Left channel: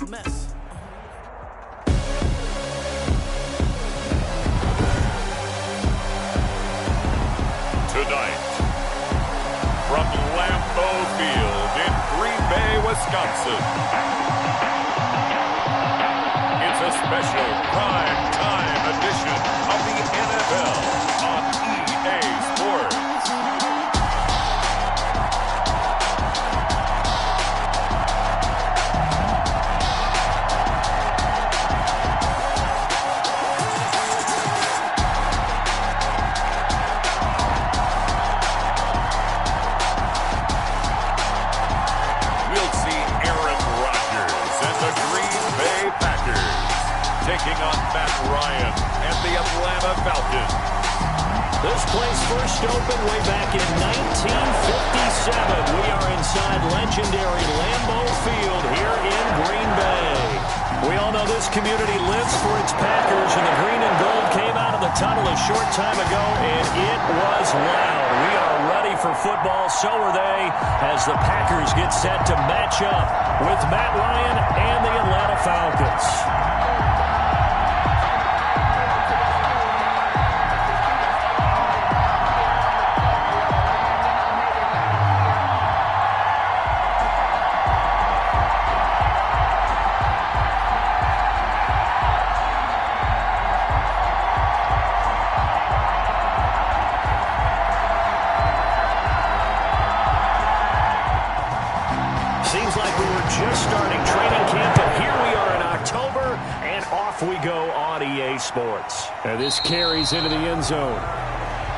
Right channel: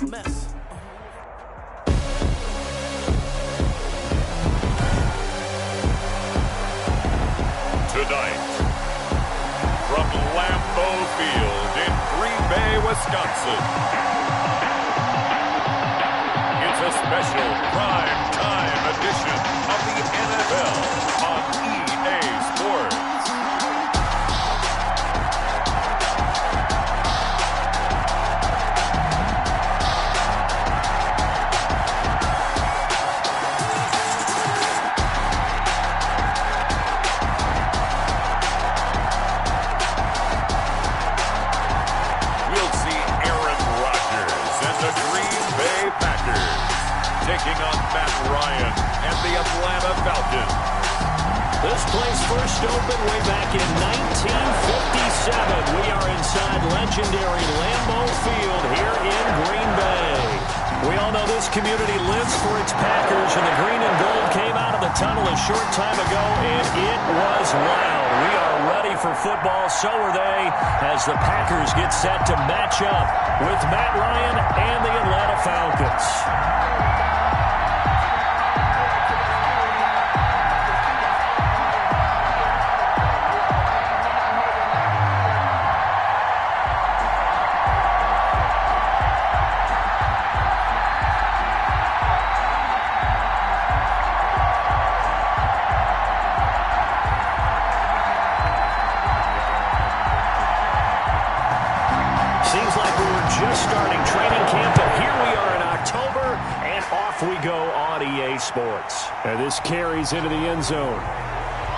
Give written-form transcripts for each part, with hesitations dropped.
a mess. Tonight, from Lambeau Field in Green Bay, Wisconsin, it's a special prime time edition of the NFL on EA Sports. The Green Bay Packers taking on Matt Ryan and the Atlanta Falcons. This place first opened way back in 1957. We are inside legendary Lambeau Field here in Green Bay. We all know this community lives for its Packers, and the green and gold came out of the tunnel a short time ago, and it was loud. We are ready for football, so are they, as the Packers get set to match up with Matt Ryan and the Atlanta Falcons. Seems like we were just starting training camp, but here we are in October, and off we go on EA Sports. And this carries into the end zone.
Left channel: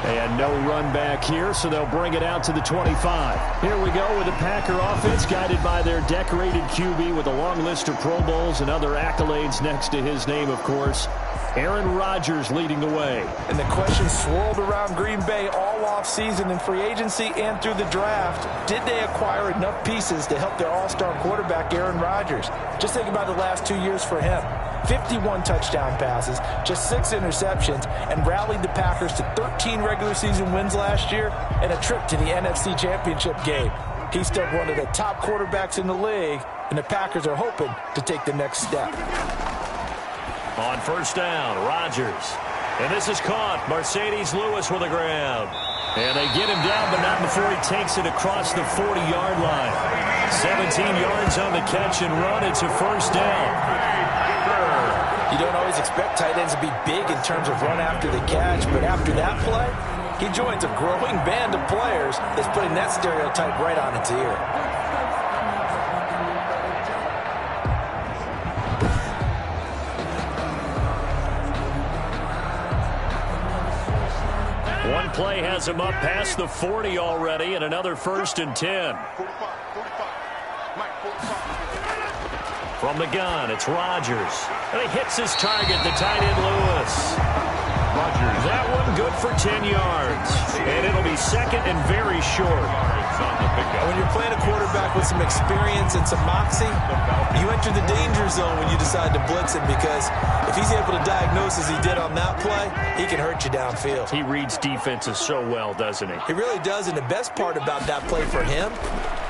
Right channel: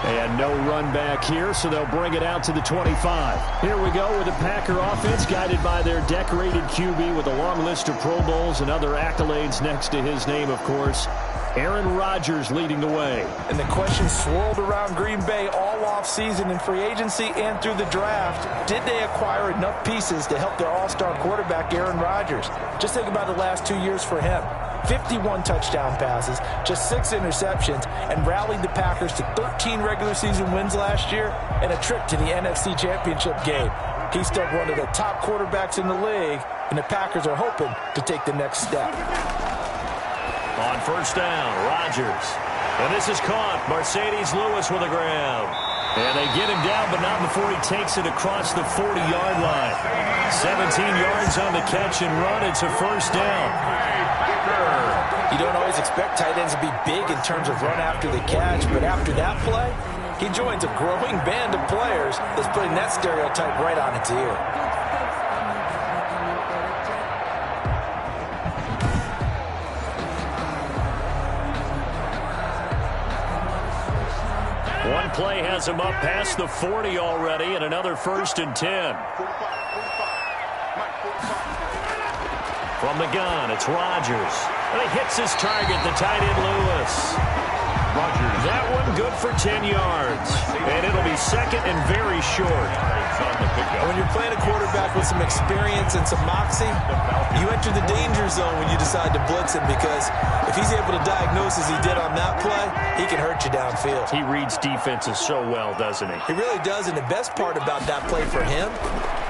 And no run back here, so they'll bring it out to the 25. Here we go with the Packer offense, guided by their decorated QB with a long list of Pro Bowls and other accolades next to his name, of course. Aaron Rodgers leading the way. And the question swirled around Green Bay all offseason in free agency and through the draft. Did they acquire enough pieces to help their all-star quarterback, Aaron Rodgers? Just think about the last 2 years for him. 51 touchdown passes, just 6 interceptions, and rallied the Packers to 13 regular season wins last year and a trip to the NFC Championship game. He's still one of the top quarterbacks in the league, and the Packers are hoping to take the next step. On first down, Rodgers. And this is caught. Mercedes Lewis with a grab. And they get him down, but not before he takes it across the 40-yard line. 17 yards on the catch and run. It's a first down. You don't always expect tight ends to be big in terms of run after the catch, but after that play, he joins a growing band of players that's putting that stereotype right on its ear. One play has him up past the 40 already, and another 1st and 10. From the gun, it's Rodgers. And he hits his target, the tight end Lewis. Rodgers. That one good for 10 yards. And it'll be second and very short. When you're playing a quarterback with some experience and some moxie, you enter the danger zone when you decide to blitz him, because if he's able to diagnose as he did on that play, he can hurt you downfield. He reads defenses so well, doesn't he? He really does, and the best part about that play for him,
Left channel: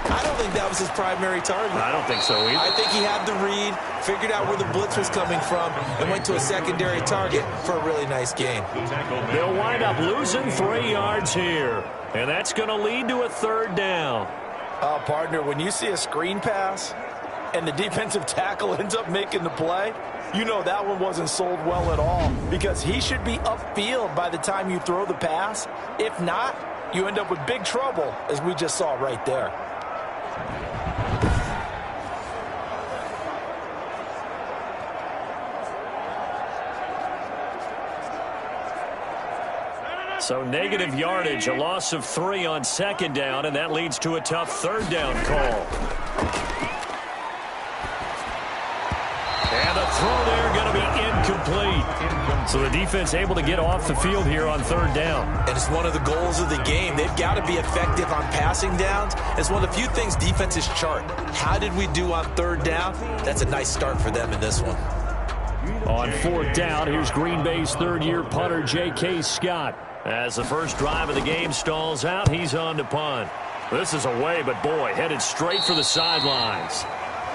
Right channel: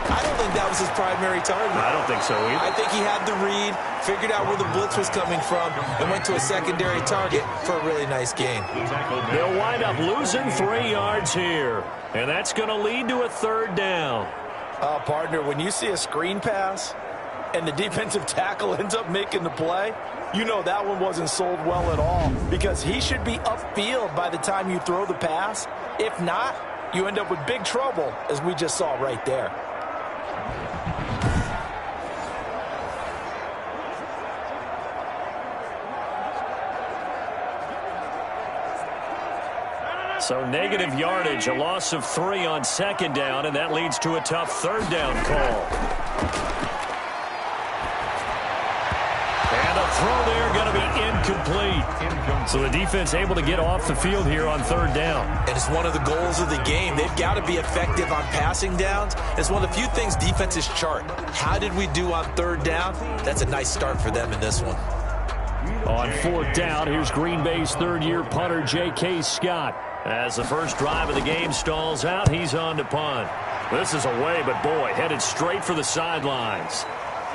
I don't think that was his primary target. I don't think so either. I think he had the read, figured out where the blitz was coming from, and went to a secondary target for a really nice gain. They'll wind up losing 3 yards here, and that's going to lead to a third down. Partner, when you see a screen pass and the defensive tackle ends up making the play, you know that one wasn't sold well at all, because he should be upfield by the time you throw the pass. If not, you end up with big trouble, as we just saw right there. So negative yardage, a loss of 3 on second down, and that leads to a tough third down call. And a throw there going to be incomplete. So the defense able to get off the field here on third down. And it's one of the goals of the game. They've got to be effective on passing downs. It's one of the few things defenses chart. How did we do on third down? That's a nice start for them in this one. On fourth down, here's Green Bay's third-year punter, J.K. Scott. As the first drive of the game stalls out, he's on to punt. This is away, but boy, headed straight for the sidelines.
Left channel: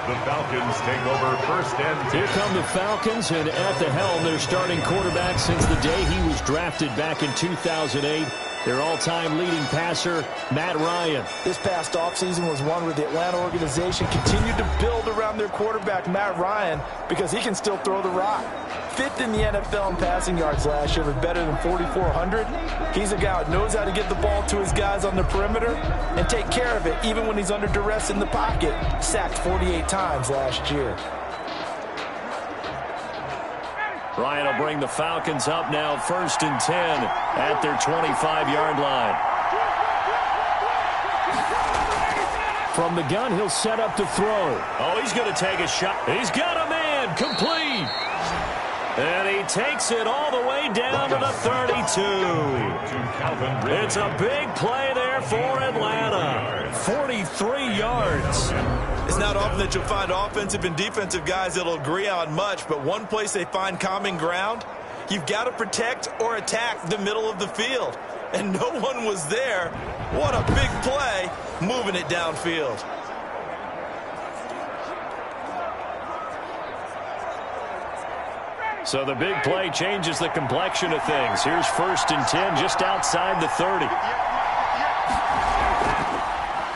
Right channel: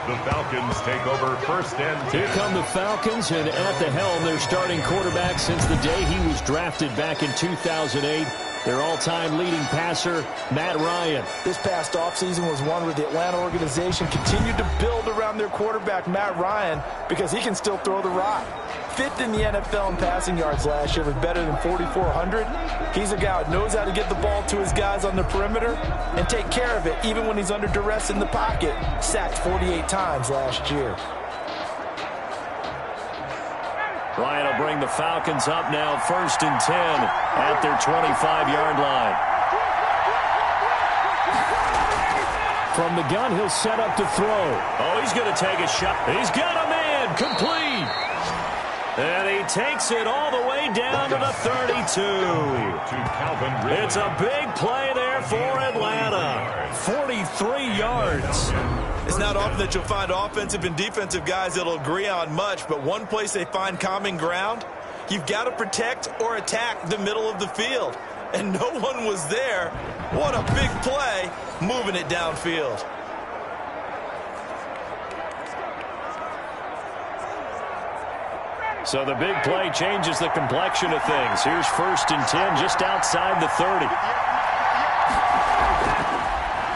The Falcons take over first and 10. Here come the Falcons, and at the helm, their starting quarterback since the day he was drafted back in 2008. Their all-time leading passer, Matt Ryan. This past offseason was one where the Atlanta organization continued to build around their quarterback, Matt Ryan, because he can still throw the rock. Fifth in the NFL in passing yards last year with better than 4,400. He's a guy who knows how to get the ball to his guys on the perimeter and take care of it even when he's under duress in the pocket. Sacked 48 times last year. Ryan will bring the Falcons up now, first and 10 at their 25-yard line. From the gun, he'll set up to throw. Oh, he's going to take a shot. He's got a man, complete. And he takes it all the way down to the 32. It's a big play there for Atlanta. 43 yards. It's not often that you'll find offensive and defensive guys that'll agree on much, but one place they find common ground, you've got to protect or attack the middle of the field. And no one was there. What a big play, moving it downfield. So the big play changes the complexion of things. Here's first and 10 just outside the 30.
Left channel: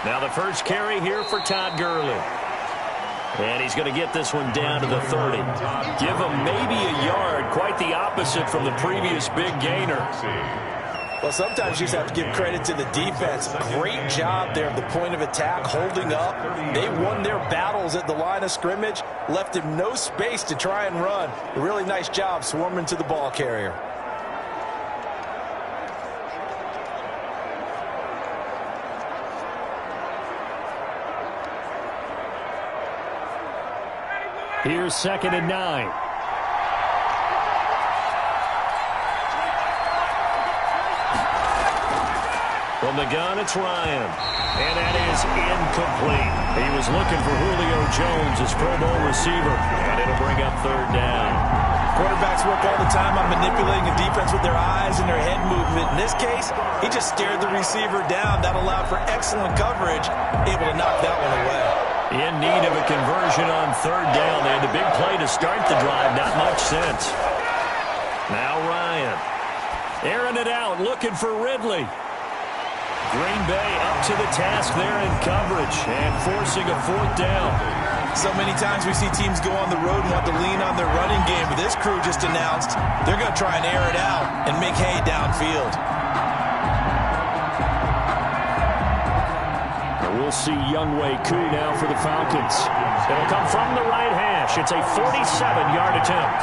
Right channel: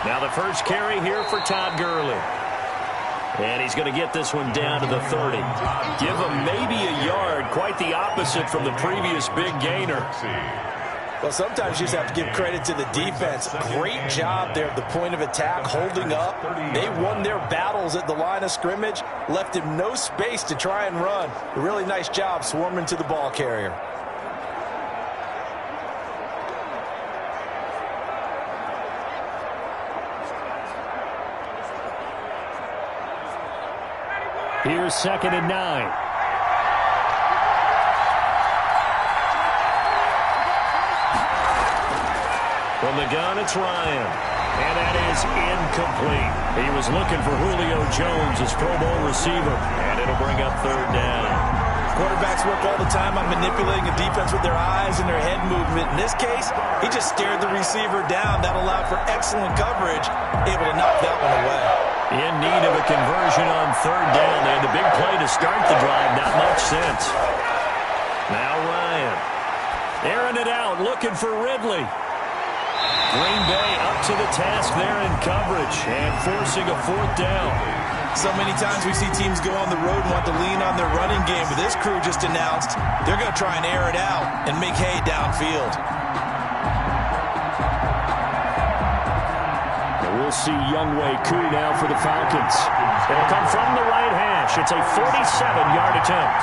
Now the first carry here for Todd Gurley. And he's going to get this one down to the 30. Give him maybe a yard, quite the opposite from the previous big gainer. Well, sometimes you just have to give credit to the defense. Great job there at the point of attack, holding up. They won their battles at the line of scrimmage, left him no space to try and run. A really nice job swarming to the ball carrier. Here's second and 9. From the gun, it's Ryan. And that is incomplete. He was looking for Julio Jones, his Pro Bowl receiver. And it'll bring up third down. Quarterbacks work all the time on manipulating a defense with their eyes and their head movement. In this case, he just stared the receiver down. That allowed for excellent coverage, able to knock that one away. In need of a conversion on third down. They had the big play to start the drive. Not much sense. Now Ryan. Airing it out, looking for Ridley. Green Bay up to the task there in coverage and forcing a fourth down. So many times we see teams go on the road and want to lean on their running game, but this crew just announced they're going to try and air it out and make hay downfield. We'll see Younghoe Koo now for the Falcons. It'll come from the right hash. It's a 47-yard attempt.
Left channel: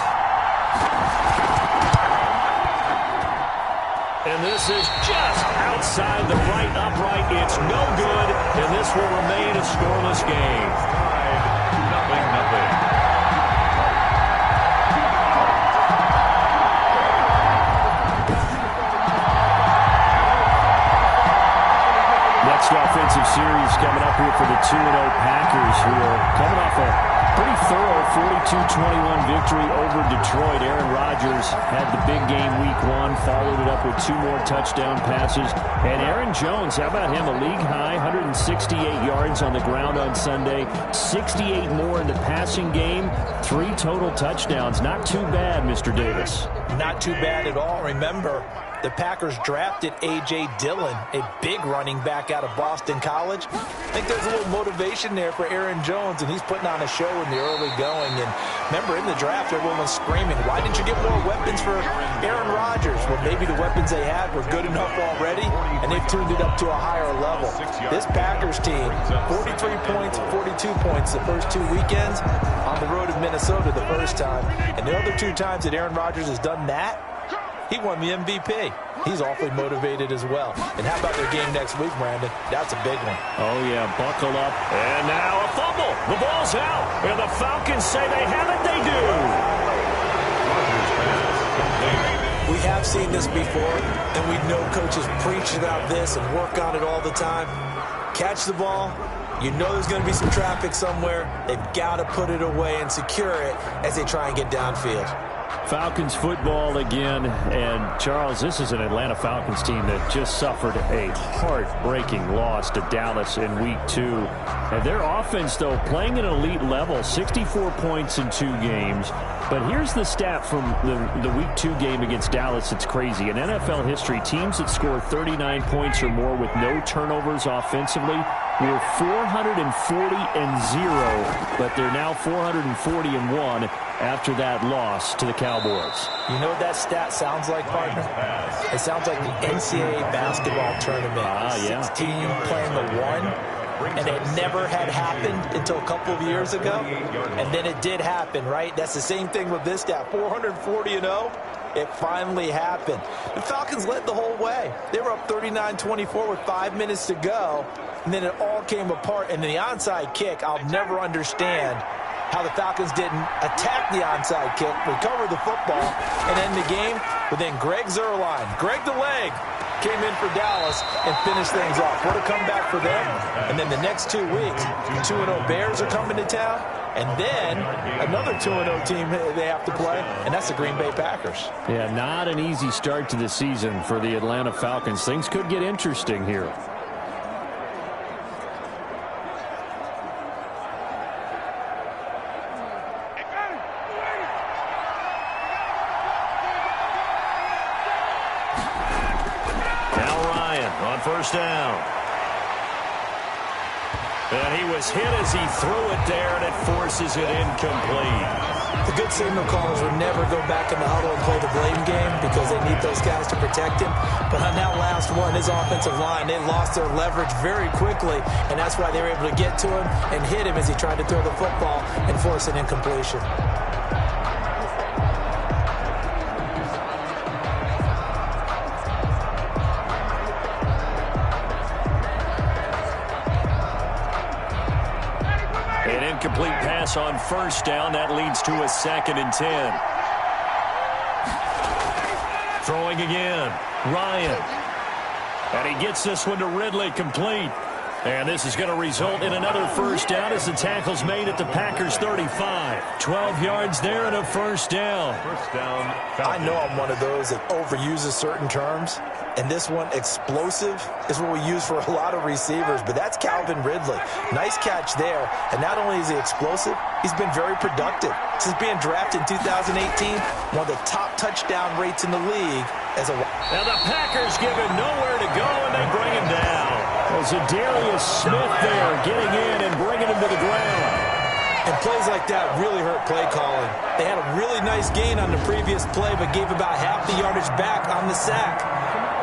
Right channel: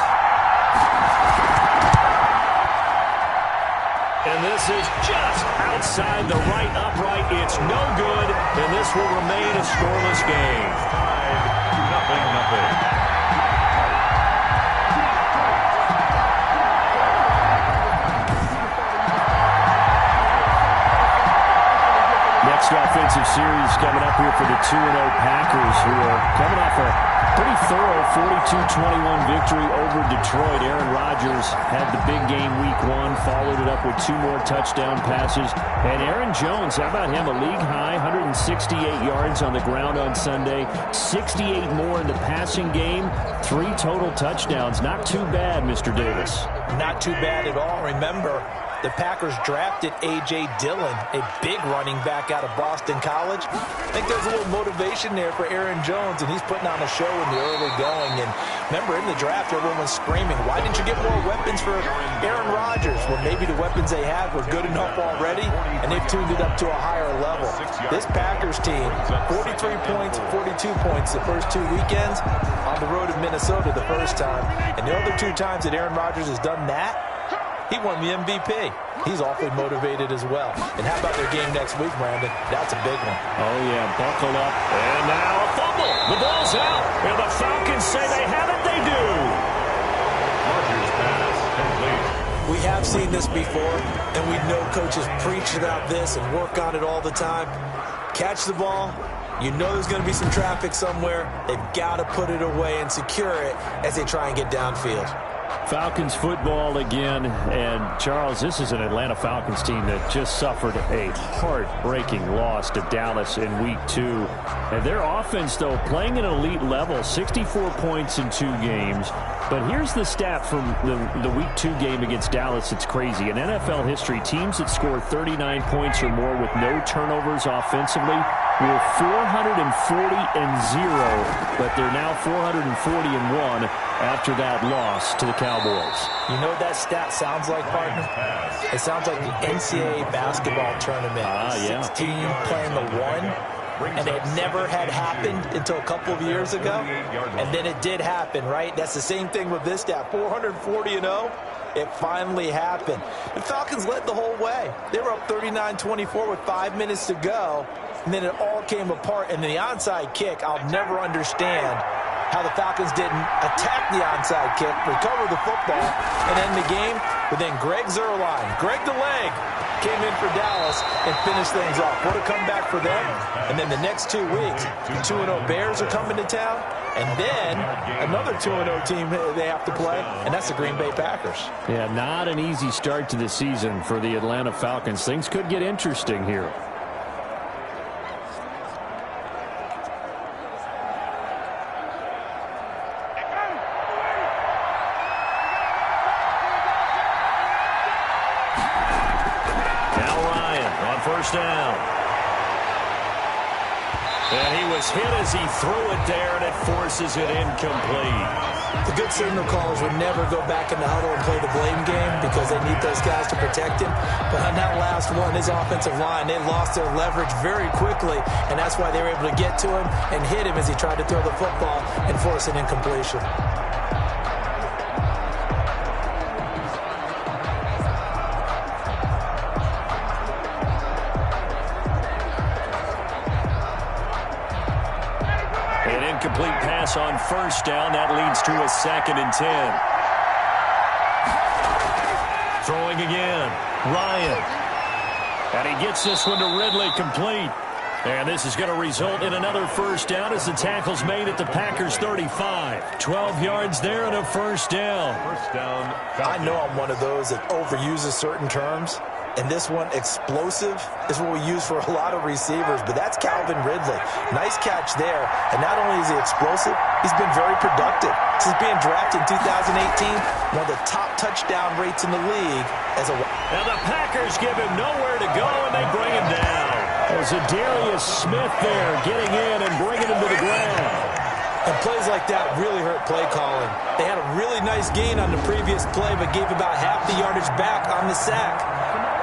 And this is just outside the right upright. It's no good, and this will remain a scoreless game. Tied 0-0. Next offensive series coming up here for the 2-0 Packers, who are coming off a pretty thorough 42-21 victory over Detroit. Aaron Rodgers had the big game week 1, followed it up with 2 more touchdown passes. And Aaron Jones, how about him? A league-high 168 yards on the ground on Sunday, 68 more in the passing game, 3 total touchdowns. Not too bad, Mr. Davis. Not too bad at all. Remember, the Packers drafted A.J. Dillon, a big running back out of Boston College. I think there's a little motivation there for Aaron Jones, and he's putting on a show in the early going. And remember, in the draft, everyone was screaming, why didn't you get more weapons for Aaron Rodgers? Well, maybe the weapons they had were good enough already, and they've tuned it up to a higher level. This Packers team, 43 points, 42 points the first 2 weekends, on the road in Minnesota the first time. And the other 2 times that Aaron Rodgers has done that, he won the MVP. He's awfully motivated as well. And how about their game next week, Brandon? That's a big one. Oh, yeah, buckle up. And now a fumble. The ball's out. And the Falcons say they have it. They do. Rodgers pass complete. We have seen this before, and we know coaches preach about this and work on it all the time. Catch the ball. You know there's going to be some traffic somewhere. They've got to put it away and secure it as they try and get downfield. Falcons football again, and Charles, this is an Atlanta Falcons team that just suffered a heartbreaking loss to Dallas in Week 2. And their offense, though, playing at an elite level, 64 points in 2 games. But here's the stat from the Week 2 game against Dallas. It's crazy. In NFL history, teams that score 39 points or more with no turnovers offensively were 440-0, but they're now 440-1 after that loss to the Cowboys. You know what that stat sounds like, partner? It sounds like the NCAA basketball tournament. 16 playing the 1. And it never had happened until a couple of years ago. And then it did happen, right? That's the same thing with this stat. 440-0. It finally happened. The Falcons led the whole way. They were up 39-24 with 5 minutes to go. And then it all came apart. And the onside kick, I'll never understand how the Falcons didn't attack the onside kick, recover the football, and end the game. But then Greg Zuerlein, Greg the Leg, came in for Dallas and finished things off. What a comeback for them. And then the next 2 weeks, the 2-0 Bears are coming to town. And then another 2-0 team they have to play, and that's the Green Bay Packers. Yeah, not an easy start to the season for the Atlanta Falcons. Things could get interesting here. First down. And he was hit as he threw it there, and it forces it incomplete. The good signal callers would never go back in the huddle and play the blame game because they need those guys to protect him. But on that last one, his offensive line, they lost their leverage very quickly, and that's why they were able to get to him and hit him as he tried to throw the football and force an incompletion. An incomplete pass on first down. That leads to a 2nd and 10. Throwing again. Ryan. And he gets this one to Ridley, complete. And this is going to result in another first down as the tackle's made at the Packers' 35. 12 yards there and a first down. I know I'm one of those that overuses certain terms. And this one, explosive, is what we use for a lot of receivers. But that's Calvin Ridley. Nice catch there. And not only is he explosive, he's been very productive. Since being drafted in 2018, one of the top touchdown rates in the league. Now the Packers give him nowhere to go, and they bring him down. There's a Darius Smith there getting in and bringing him to the ground. And plays like that really hurt play calling. They had a really nice gain on the previous play, but gave about half the yardage back on the sack.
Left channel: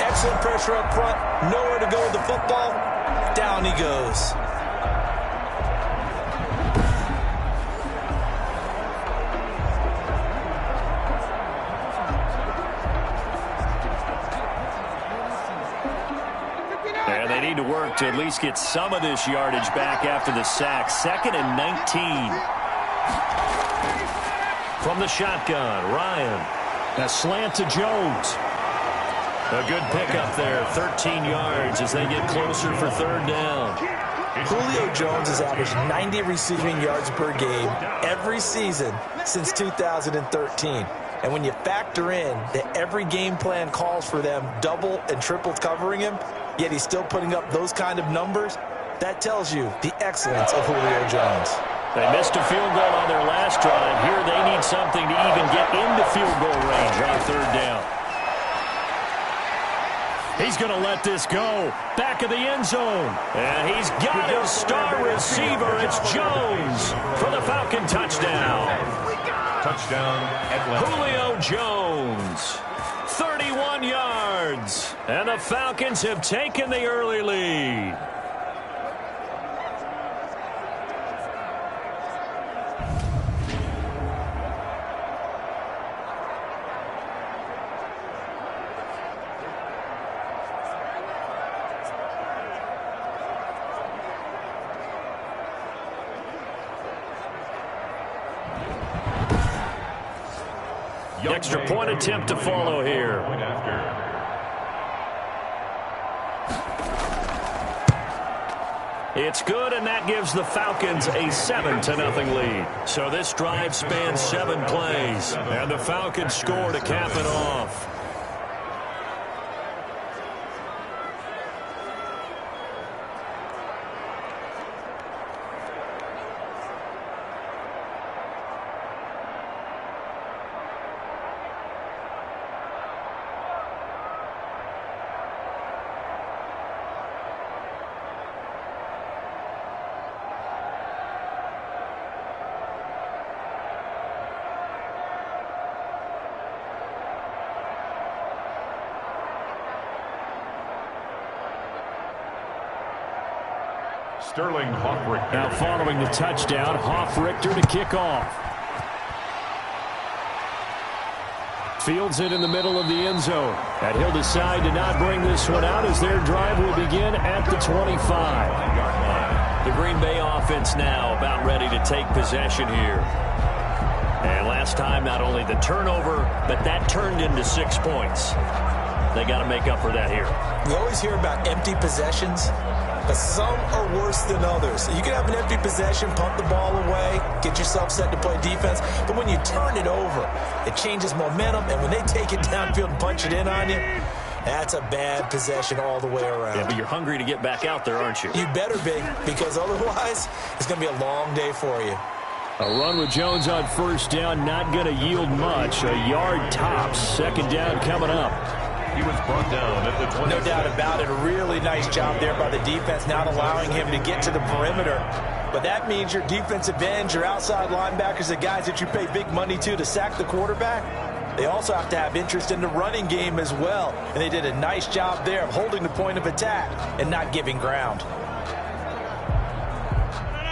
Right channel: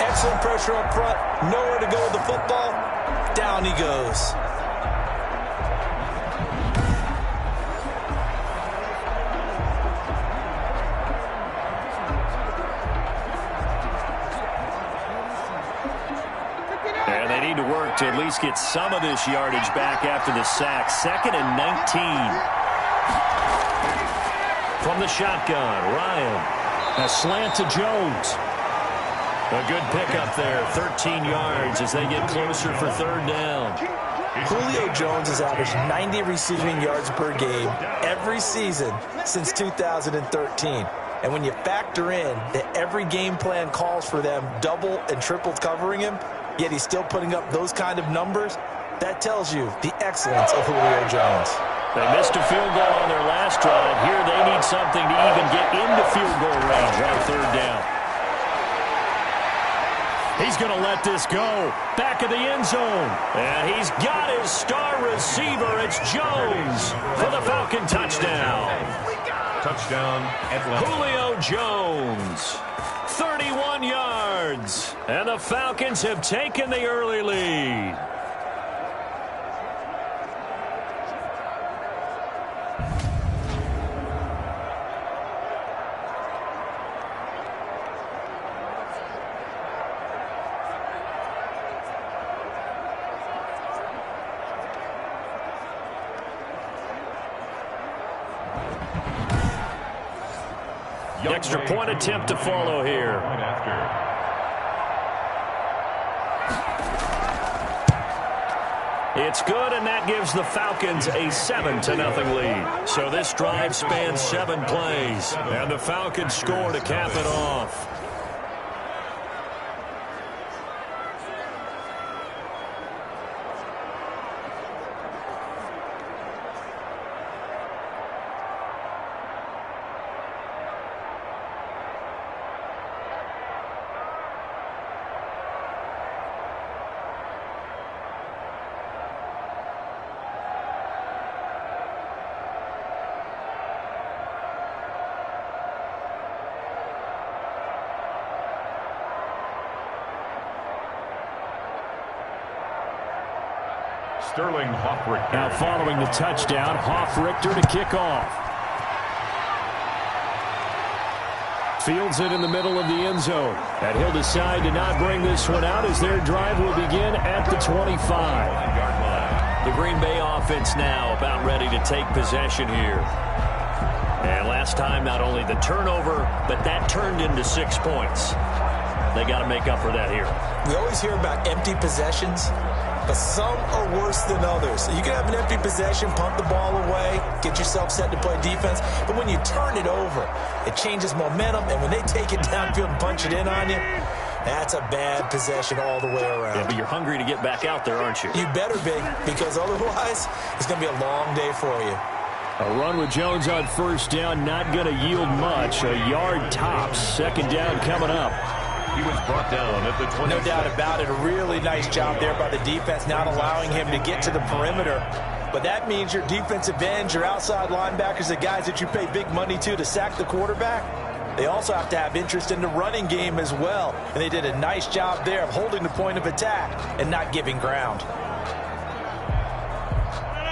Excellent pressure up front. Nowhere to go with the football. Down he goes. And they need to work to at least get some of this yardage back after the sack. 2nd and 19. From the shotgun, Ryan. A slant to Jones. A good pickup there, 13 yards as they get closer for 3rd down. Julio Jones has averaged 90 receiving yards per game every season since 2013. And when you factor in that every game plan calls for them double and triple covering him, yet he's still putting up those kind of numbers, that tells you the excellence of Julio Jones. They missed a field goal on their last drive. Here they need something to even get into field goal range on 3rd down. He's going to let this go. Back of the end zone. And he's got his star receiver. It's Jones for the Falcon touchdown. Touchdown, Atlanta. Julio Jones. 31 yards. And the Falcons have taken the early lead. Extra point attempt to follow here. It's good, and that gives the Falcons a 7-0 lead. So this drive spans 7 plays, and the Falcons score to cap it off. Sterling Hoffrichter. Now following the touchdown, Hoffrichter to kick off. Fields it in the middle of the end zone. And he'll decide to not bring this one out as their drive will begin at the 25. The Green Bay offense now about ready to take possession here. And last time, not only the turnover, but that turned into 6 points. They got to make up for that here. We always hear about empty possessions, but some are worse than others. You can have an empty possession, punt the ball away, get yourself set to play defense, but when you turn it over, it changes momentum, and when they take it downfield and punch it in on you, that's a bad possession all the way around. Yeah, but you're hungry to get back out there, aren't you? You better be, because otherwise, it's going to be a long day for you. A run with Jones on first down, not going to yield much. A yard tops. Second down coming up. He was brought down at the 20. No doubt about it. A really nice job there by the defense, not allowing him to get to the perimeter. But that means your defensive ends, your outside linebackers, the guys that you pay big money to sack the quarterback, they also have to have interest in the running game as well. And they did a nice job there of holding the point of attack and not giving ground.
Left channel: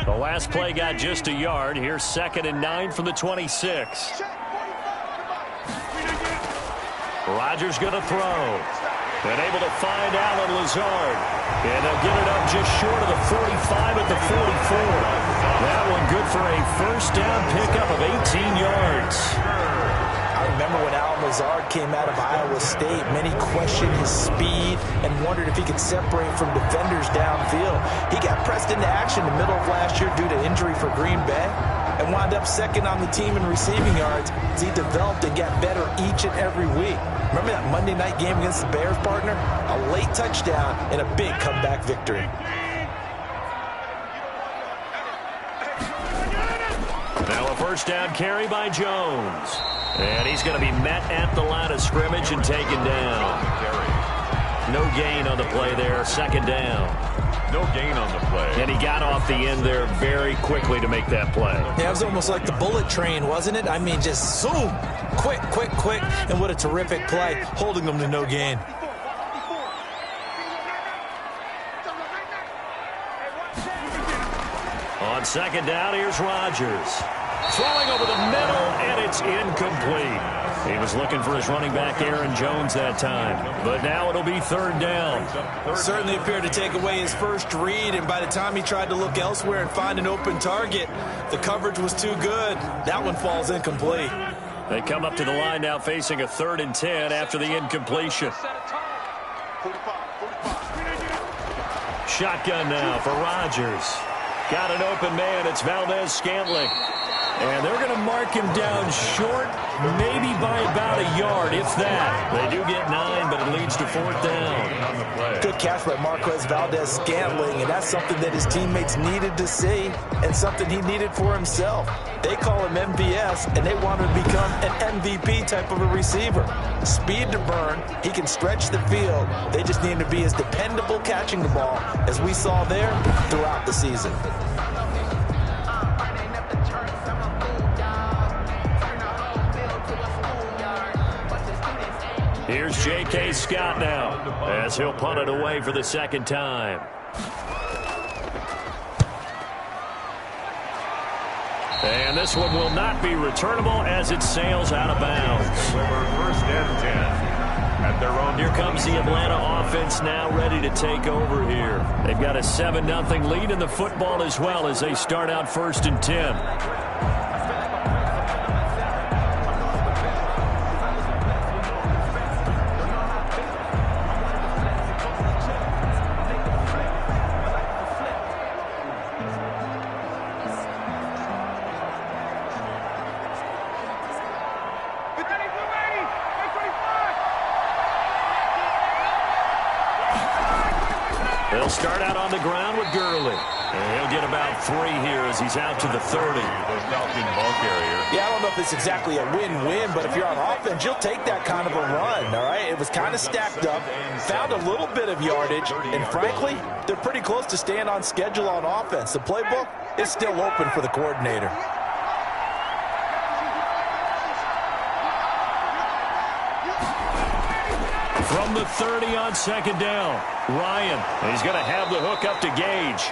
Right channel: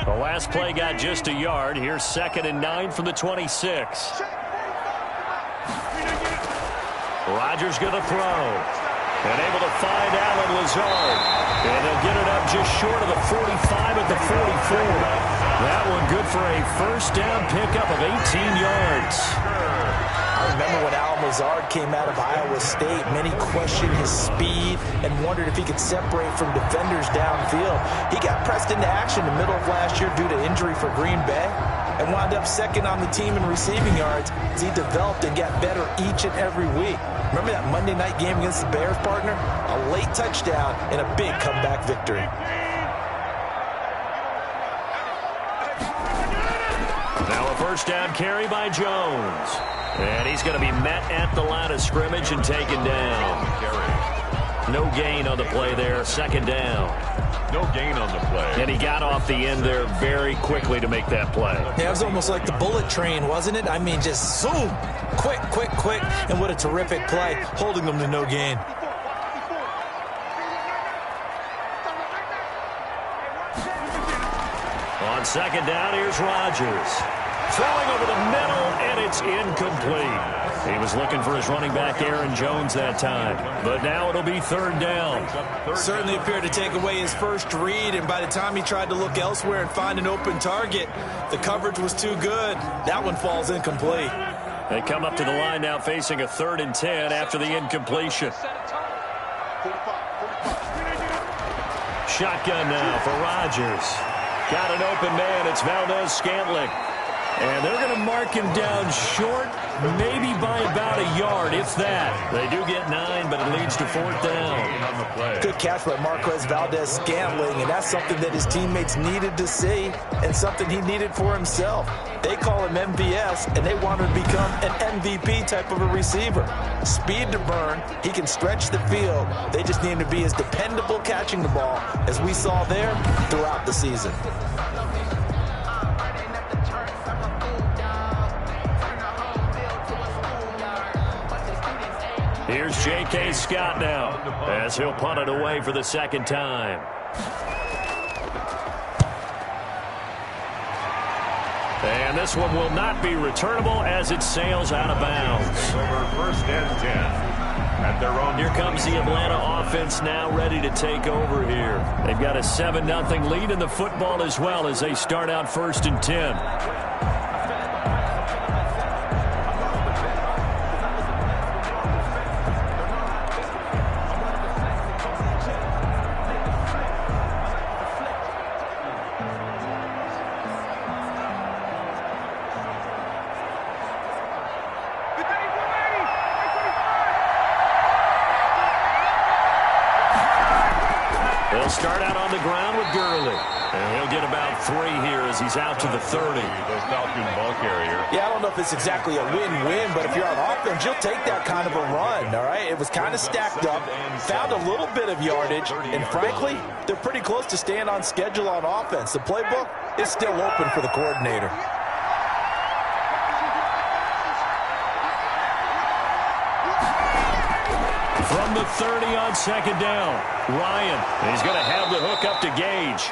The last play got just a yard. Here's 2nd and 9 from the 26. Rodgers going to throw. And able to find Allen Lazard. And they'll get it up just short of the 45 at the 44. That one good for a first down pickup of 18 yards. I remember when Allen Lazard came out of Iowa State, many questioned his speed and wondered if he could separate from defenders downfield. He got pressed into action in the middle of last year due to injury for Green Bay and wound up 2nd on the team in receiving yards as he developed and got better each and every week. Remember that Monday night game against the Bears, partner? A late touchdown and a big comeback victory. Now a first down carry by Jones. And he's going to be met at the line of scrimmage and taken down. No gain on the play there. 2nd down. No gain on the play. And he got off the end there very quickly to make that play. Yeah, it was almost like the bullet train, wasn't it? I mean, just zoom. Quick, quick, quick. And what a terrific play, holding them to no gain. On 2nd down, here's Rodgers. Throwing over the middle, and it's incomplete. He was looking for his running back, Aaron Jones, that time. But now it'll be 3rd down. Certainly appeared to take away his first read, and by the time he tried to look elsewhere and find an open target, the coverage was too good. That one falls incomplete. They come up to the line now facing a 3rd and 10 after the incompletion. Shotgun now for Rodgers. Got an open man. It's Valdez-Scantling. And they're going to mark him down short, maybe by about a yard, if that. They do get 9, but it leads to 4th down. Good catch by Marquez Valdez-Scantling, and that's something that his teammates needed to see and something he needed for himself. They call him MVS, and they want him to become an MVP type of a receiver. Speed to burn. He can stretch the field. They just need him to be as dependable catching the ball as we saw there throughout the season. Here's J.K. Scott now as he'll punt it away for the 2nd time. And this one will not be returnable as it sails out of bounds. Over 1st and 10 at their own. Here comes the Atlanta offense now ready to take over here. They've got a 7-0 lead in the football as well as they start out 1st and 10. start out on the ground with Gurley. And he'll get about 3 here as he's out to the 30. The Falcon ball carrier. Yeah, I don't know if it's exactly a win-win, but if you're on offense, you'll take that kind of a run, all right? It was kind of stacked up, found a little bit of yardage, and frankly, they're pretty close to staying on schedule on offense. The playbook is still open for the coordinator. From the 30 on second down, Ryan. He's going to have the hook up to Gage.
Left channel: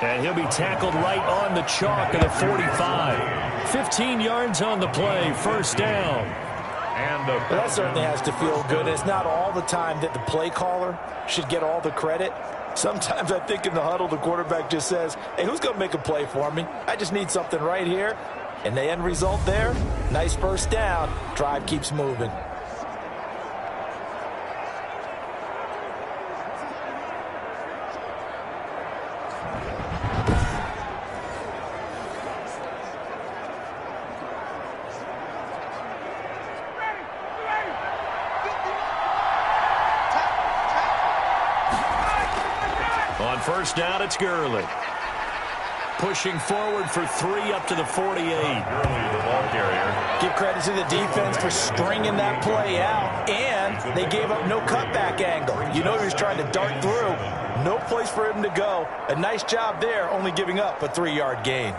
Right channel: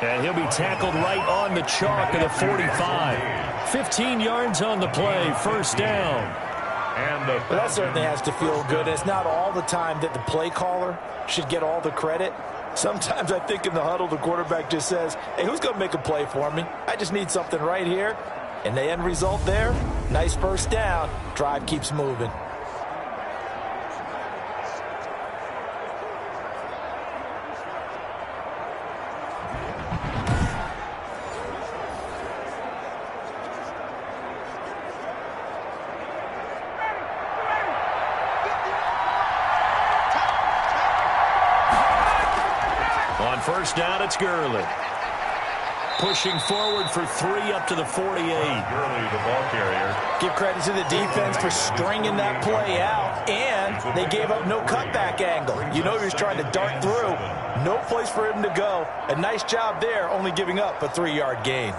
And he'll be tackled right on the chalk of the 45. 15 yards on the play, first down. And well, that certainly has to feel good. It's not all the time that the play caller should get all the credit. Sometimes I think in the huddle, the quarterback just says, hey, who's going to make a play for me? I just need something right here. And the end result there, nice first down. Drive keeps moving. On first down, it's Gurley. Pushing forward for 3 up to the 48. Gurley, the ball carrier. Give credit to the defense for stringing that play out, and they gave up no cutback angle. You know he was trying to dart through. No place for him to go. A nice job there, only giving up a 3-yard gain.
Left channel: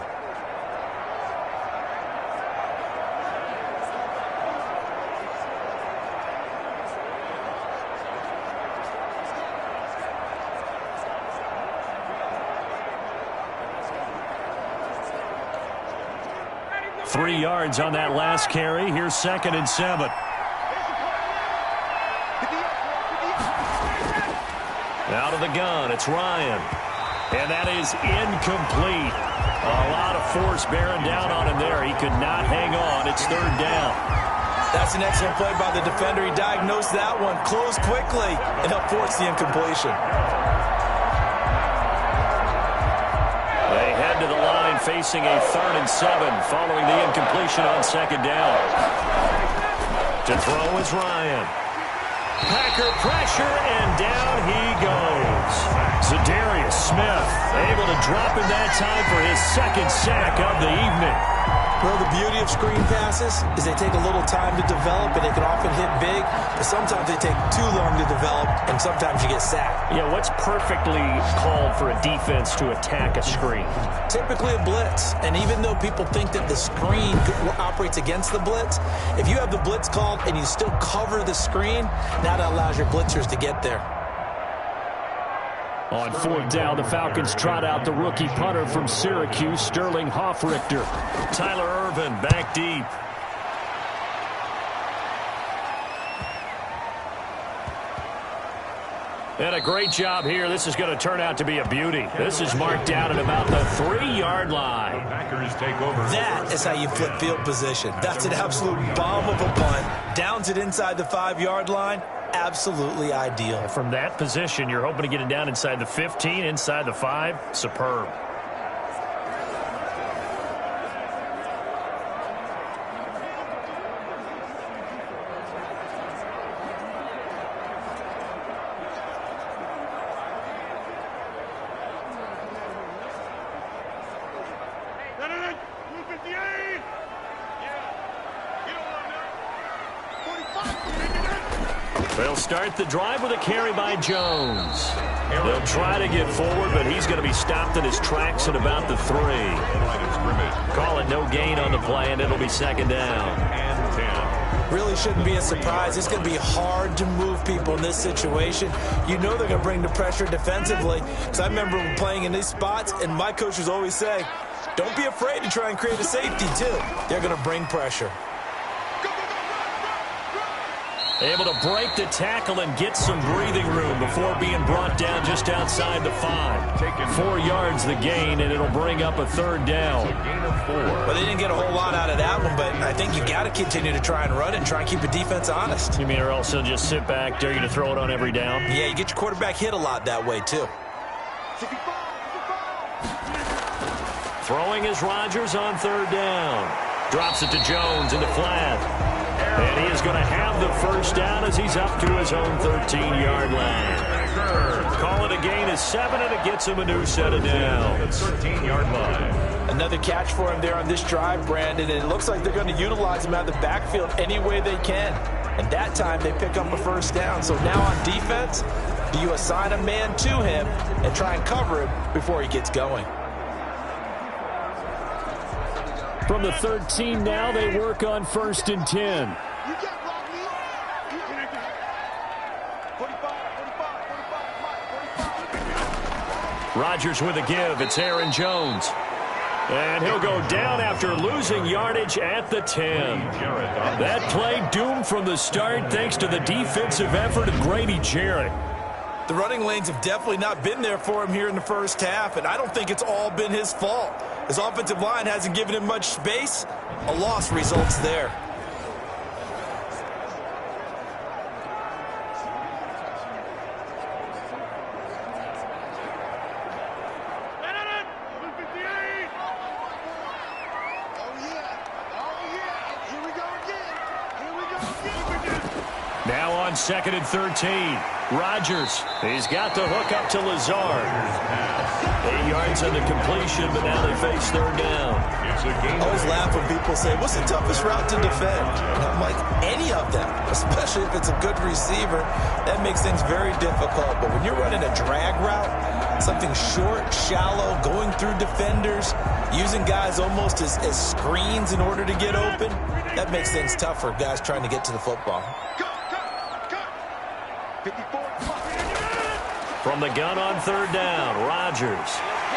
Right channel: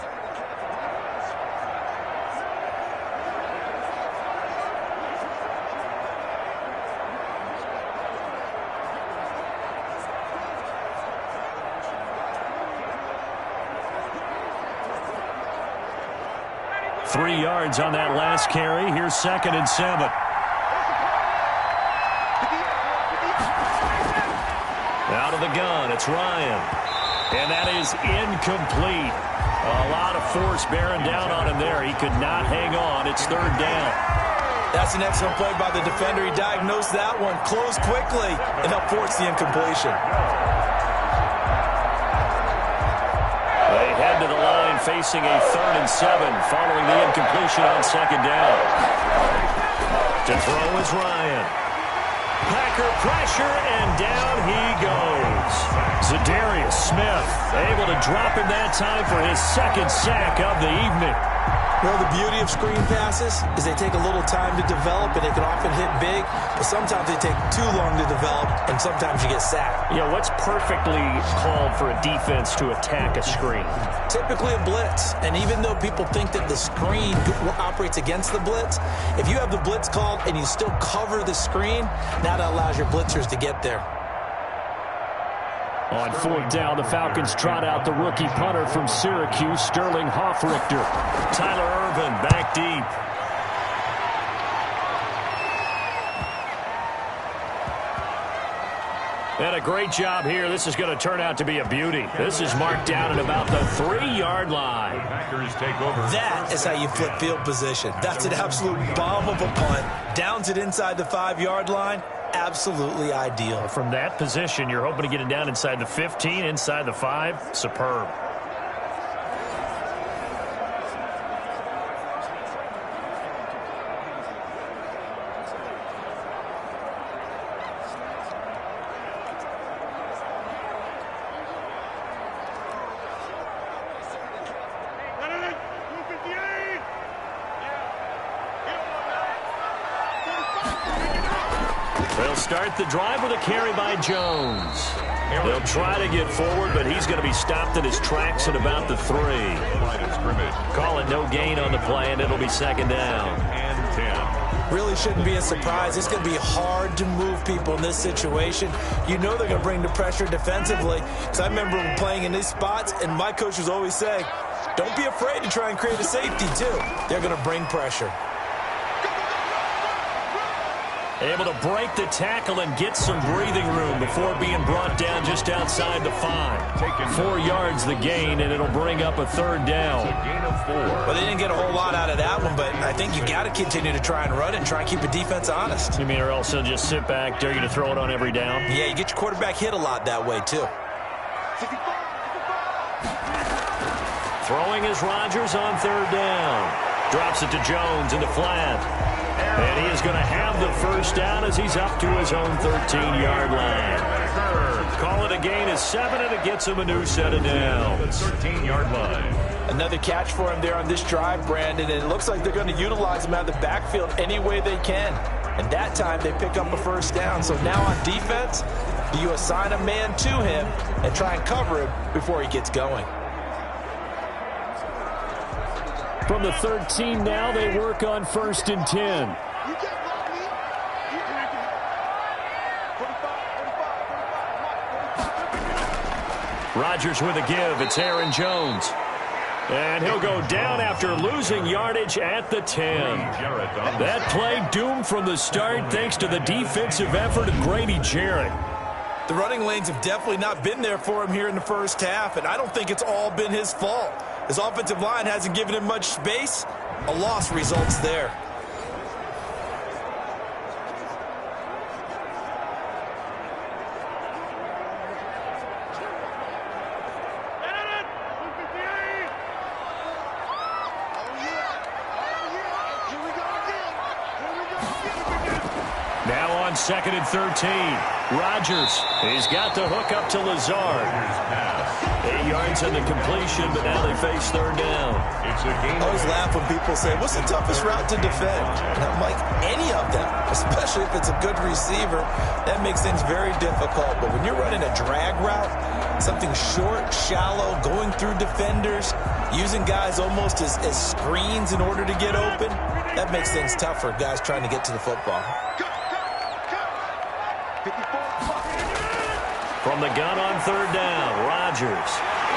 Three yards on that last carry. Here's 2nd and 7. Out of the gun, it's Ryan. And that is incomplete. A lot of force bearing down on him there. He could not hang on. It's 3rd down. That's an excellent play by the defender. He diagnosed that one, closed quickly, and helped force the incompletion. They head to the line facing a 3rd and 7 following the incompletion on 2nd down. To throw is Ryan. Packer pressure, and down he goes. Zadarius Smith able to drop him that time for his 2nd sack of the evening. Well, the beauty of screen passes is they take a little time to develop, and they can often hit big, but sometimes they take too long to develop, and sometimes you get sacked. Yeah, what's perfectly called for a defense to attack a screen? Typically a blitz, and even though people think that the screen operates against the blitz, if you have the blitz called and you still cover the screen, now that allows your blitzers to get there. On 4th down, the Falcons trot out the rookie punter from Syracuse, Sterling Hoffrichter. Tyler Ervin back deep. And a great job here. This is going to turn out to be a beauty. This is marked down at about the 3-yard line. The Packers take over. That is how you flip field position. That's an absolute bomb of a punt. Downs it inside the 5-yard line. Absolutely ideal. From that position, you're hoping to get it down inside the 15, inside the 5. Superb. They'll start the drive with a carry by Jones. They'll try to get forward, but he's going to be stopped in his tracks at about the 3. Call it no gain on the play, and it'll be 2nd down. And 10. Really shouldn't be a surprise. It's going to be hard to move people in this situation. You know they're going to bring the pressure defensively. Because I remember playing in these spots, and my coach was always saying, don't be afraid to try and create a safety, too. They're going to bring pressure. Able to break the tackle and get some breathing room before being brought down just outside the 5. 4 yards the gain, and it'll bring up a 3rd down. A gain of 4. Well, they didn't get a whole lot out of that one, but I think you got to continue to try and run it and try and keep the defense honest. You mean or else he'll just sit back, dare you to throw it on every down? Yeah, you get your quarterback hit a lot that way, too. Throwing is Rodgers on 3rd down. Drops it to Jones in the flat. And he is going to have the first down as he's up to his own 13-yard line. Call it a gain of 7, and it gets him a new set of downs. 13-yard line. Another catch for him there on this drive, Brandon, and it looks like they're going to utilize him out of the backfield any way they can. And that time they pick up a first down. So now on defense, do you assign a man to him and try and cover him before he gets going? From the 13 now, they work on 1st and 10. You can't block me. You can't do it. 45. Rodgers with a give. It's Aaron Jones. And he'll go down after losing yardage at the 10. That play doomed from the start thanks to the defensive effort of Grady Jarrett. The running lanes have definitely not been there for him here in the first half, and I don't think it's all been his fault. His offensive line hasn't given him much space. A loss results there. Now on 2nd and 13. Rodgers, he's got the hook up to Lazard. 8 yards on the completion, but now they face 3rd down. I always laugh when people say, what's the toughest route to defend? And I'm like, any of them, especially if it's a good receiver. That makes things very difficult. But when you're running a drag route, something short, shallow, going through defenders, using guys almost as screens in order to get open, that makes things tough for guys trying to get to the football. From the gun on 3rd down, Rodgers.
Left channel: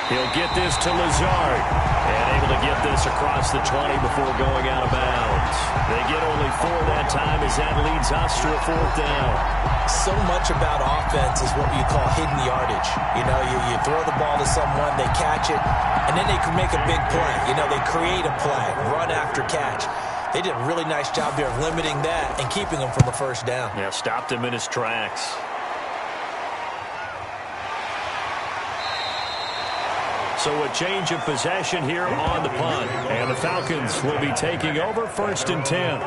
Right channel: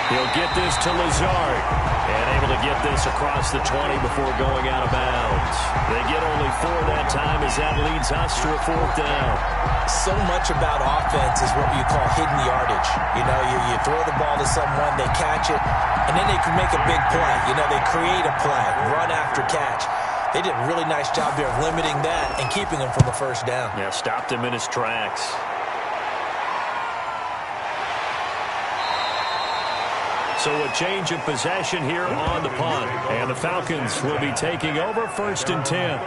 He'll get this to Lazard. And able to get this across the 20 before going out of bounds. They get only 4 that time as that leads us to a 4th down. So much about offense is what you call hidden yardage. You know, you throw the ball to someone, they catch it, and then they can make a big play. You know, they create a play, run after catch. They did a really nice job there of limiting that and keeping him from a first down. Yeah, stopped him in his tracks. So a change of possession here on the punt. And the Falcons will be taking over 1st and 10.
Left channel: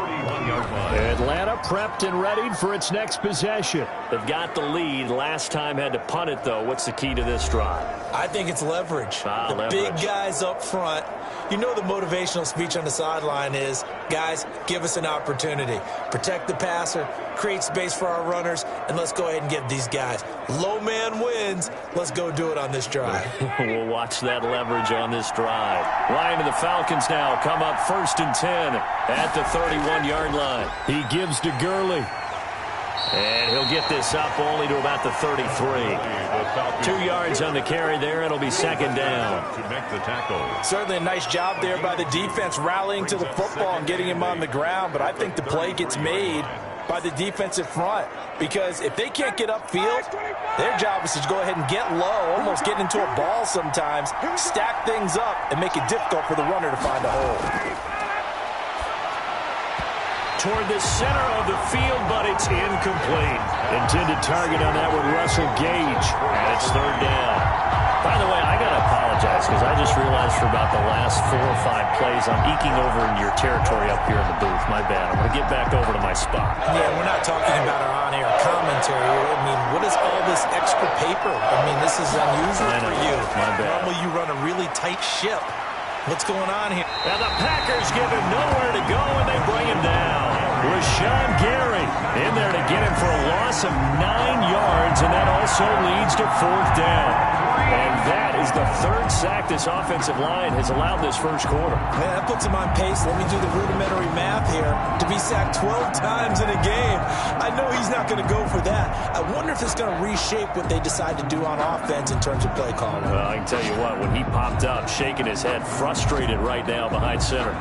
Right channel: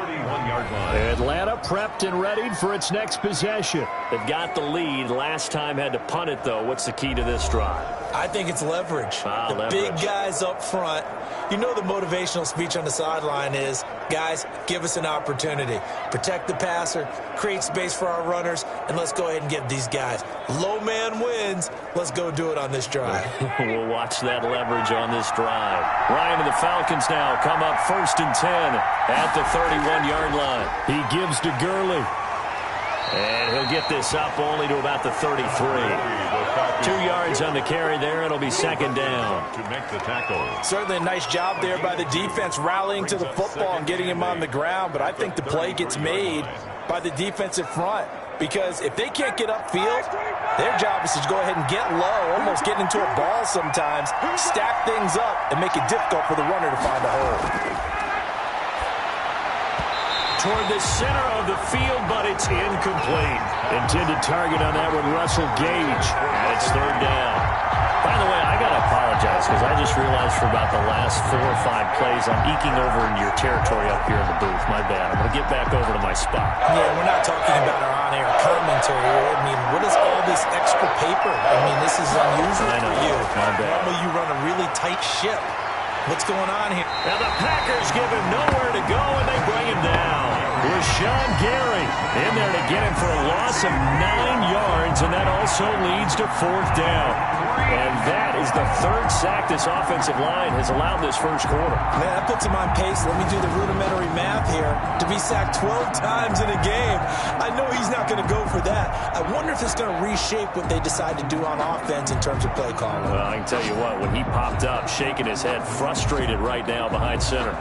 Atlanta prepped and readied for its next possession. They've got the lead. Last time had to punt it, though. What's the key to this drive? I think it's leverage. Leverage. Big guys up front. You know the motivational speech on the sideline is, guys, give us an opportunity. Protect the passer, create space for our runners, and let's go ahead and get these guys. Low man wins. Let's go do it on this drive. We'll watch that leverage on this drive. Ryan and the Falcons now come up 1st and 10 at the 31-yard line. He gives to Gurley. And he'll get this up only to about the 33. 2 yards on the carry there. It'll be 2nd down. To make the tackle. Certainly a nice job there by the defense rallying to the football and getting him on the ground. But I think the play gets made by the defensive front. Because if they can't get upfield, their job is to go ahead and get low, almost get into a ball sometimes, stack things up, and make it difficult for the runner to find a hole. Toward the center of the field, but it's incomplete. Intended target on that one, Russell Gage. And it's 3rd down. By the way, I got to apologize because I just realized for about the last 4 or 5 plays I'm eking over into your territory up here in the booth. My bad. I'm going to get back over to my spot. Yeah, we're not talking about our on-air commentary. I mean, what is all this extra paper? I mean, this is unusual for you. My bad. Normally you run a really tight ship. What's going on here? And the Packers give him nowhere to go, and they bring him down. Rashawn Gary in there to get him for a loss of 9 yards, and that also leads to 4th down. And that is the 3rd sack this offensive line has allowed this first quarter. Man, that puts him on pace. Let me do the rudimentary math here. To be sacked 12 times in a game, I know he's not going to go for that. I wonder if it's going to reshape what they decide to do on offense in terms of play calling. Well, I can tell you what, when he popped up, shaking his head, frustrated right now behind center.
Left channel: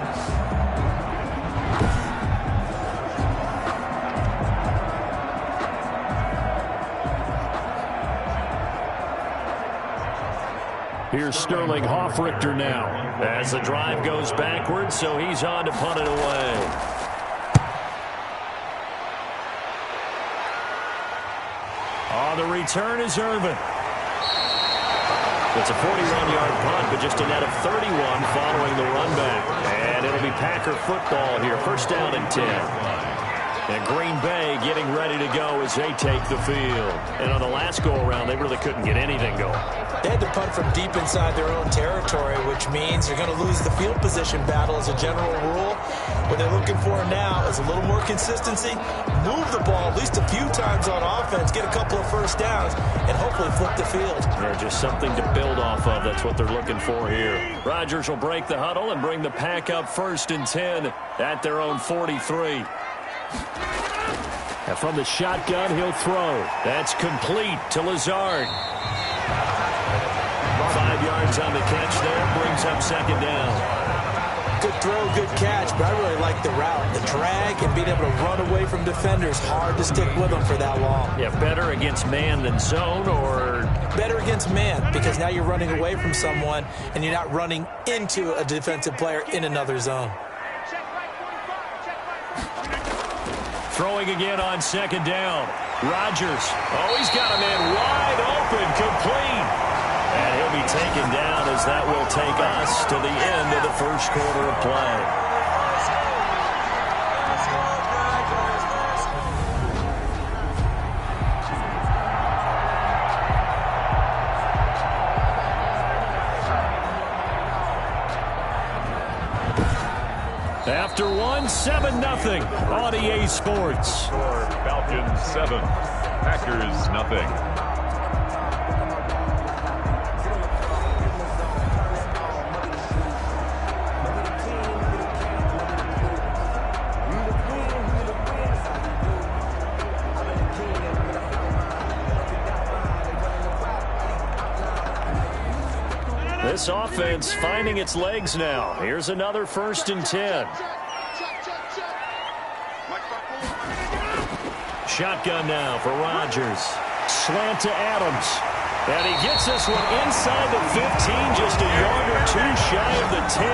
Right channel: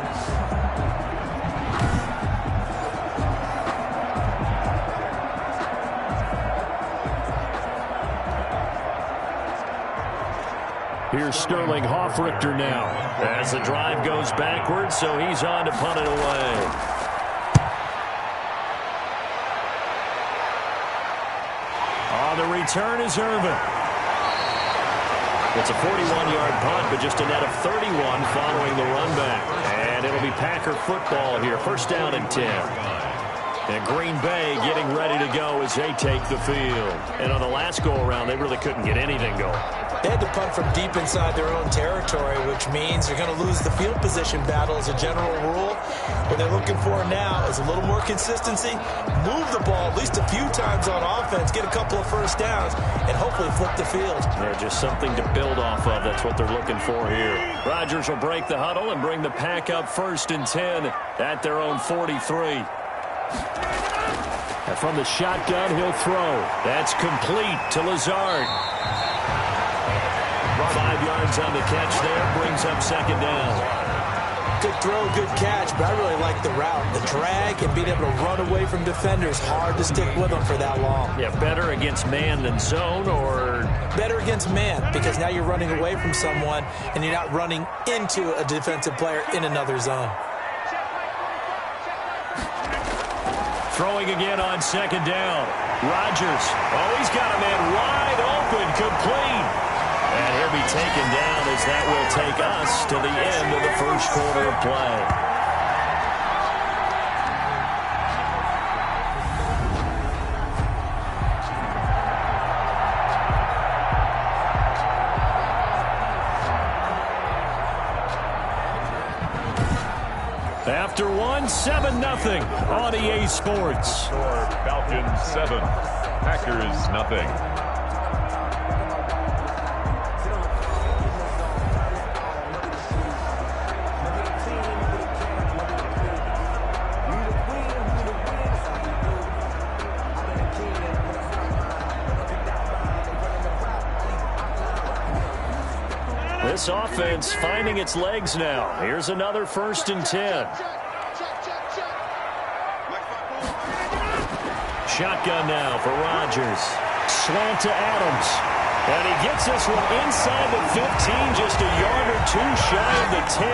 Here's Sterling Hoffrichter now as the drive goes backwards, so he's on to punt it away. On the return is Irvin. It's a 41-yard punt, but just a net of 31 following the run back. And it'll be Packer football here. 1st down and 10. And Green Bay getting ready to go as they take the field. And on the last go-around, they really couldn't get anything going. They had to punt from deep inside their own territory, which means you're going to lose the field position battle as a general rule. What they're looking for now is a little more consistency, move the ball at least a few times on offense, get a couple of first downs, and hopefully flip the field. They're just something to build off of. That's what they're looking for here. Rodgers will break the huddle and bring the pack up 1st and 10 at their own 43. And from the shotgun, he'll throw. That's complete to Lazard. 5 yards on the catch there, brings up 2nd down. Good throw, good catch, but I really like the route. The drag and being able to run away from defenders, hard to stick with them for that long. Yeah, better against man than zone, or? Better against man, because now you're running away from someone and you're not running into a defensive player in another zone. Throwing again on 2nd down. Rodgers. Oh, he's got a man wide open, complete. And he'll be taken down as that will take us to the end of the 1st quarter of play. After one, 7-0 on EA Sports. Score Falcons 7, Packers nothing. This offense finding its legs now. Here's another 1st and 10. Shotgun now for Rodgers. Slant to Adams. And he gets this one inside the 15, just a yard or two shy of the 10.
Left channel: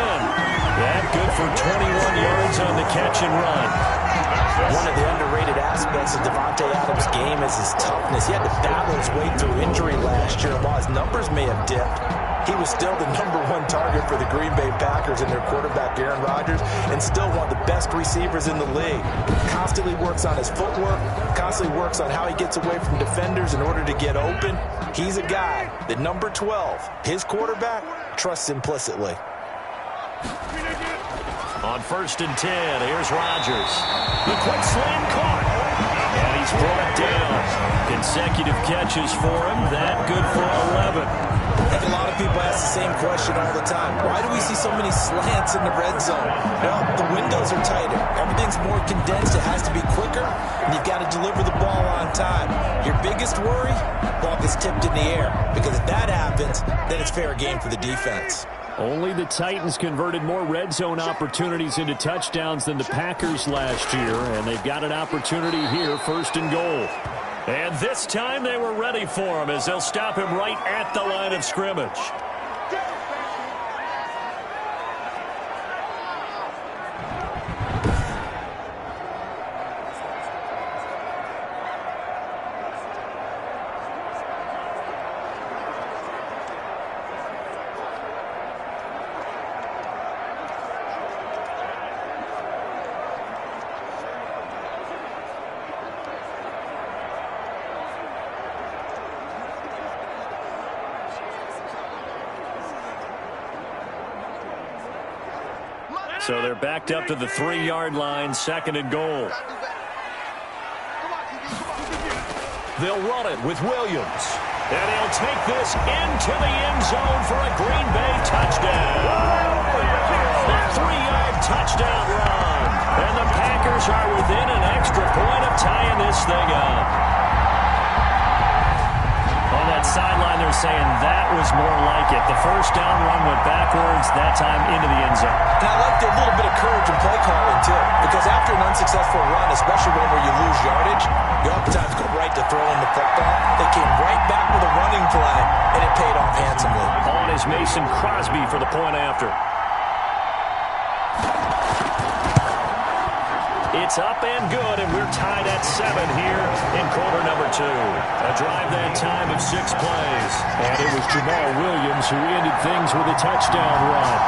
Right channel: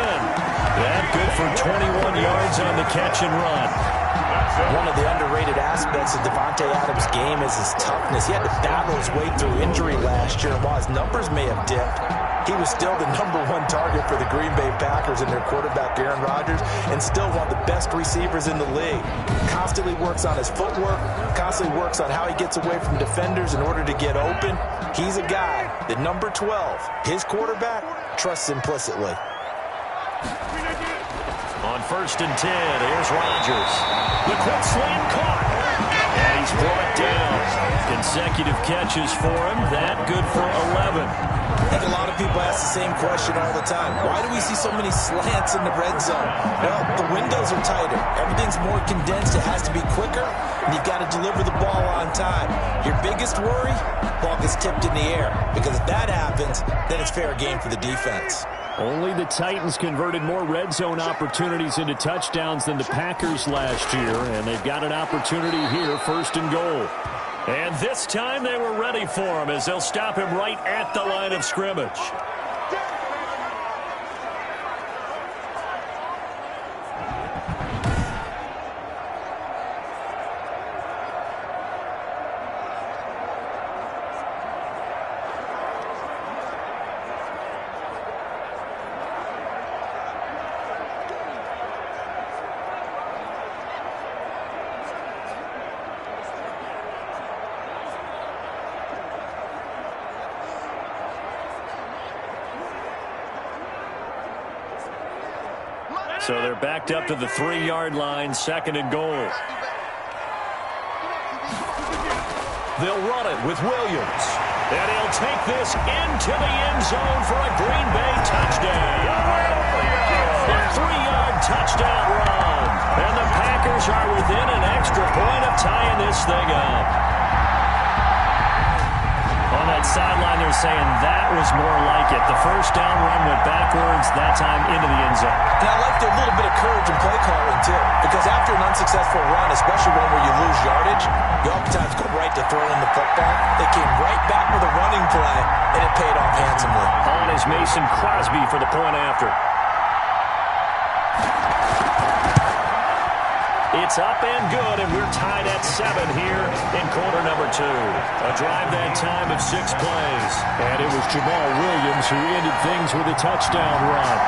That good for 21 yards on the catch and run. One of the underrated aspects of Devontae Adams' game is his toughness. He had to battle his way through injury last year, and while his numbers may have dipped, he was still the #1 target for the Green Bay Packers and their quarterback, Aaron Rodgers, and still one of the best receivers in the league. Constantly works on his footwork, constantly works on how he gets away from defenders in order to get open. He's a guy that number 12, his quarterback, trusts implicitly. On 1st and 10, here's Rodgers. The quick slant caught. And he's brought down. Consecutive catches for him. That good for 11. I think a lot of people ask the same question all the time. Why do we see so many slants in the red zone? Well, the windows are tighter. Everything's more condensed. It has to be quicker, and you've got to deliver the ball on time. Your biggest worry? Ball gets tipped in the air. Because if that happens, then it's fair game for the defense. Only the Titans converted more red zone opportunities into touchdowns than the Packers last year, and they've got an opportunity here, 1st and goal. And this time they were ready for him as they'll stop him right at the line of scrimmage. So they're backed up to the 3-yard line, 2nd and goal. They'll run it with Williams. And he'll take this into the end zone for a Green Bay touchdown. A 3-yard touchdown run. And the Packers are within an extra point of tying this thing up. On that sideline, they're saying that was more like it. The 1st down run went backwards, that time into the end zone. And I like their little bit of courage in play calling, too. Because after an unsuccessful run, especially one where you lose yardage, you oftentimes go right to throwing the football. They came right back with a running play, and it paid off handsomely. On is Mason Crosby for the point after. It's up and good, and we're tied at 7 here in quarter number 2. A drive that time of 6 plays. And it was Jamal Williams who ended things with a touchdown run.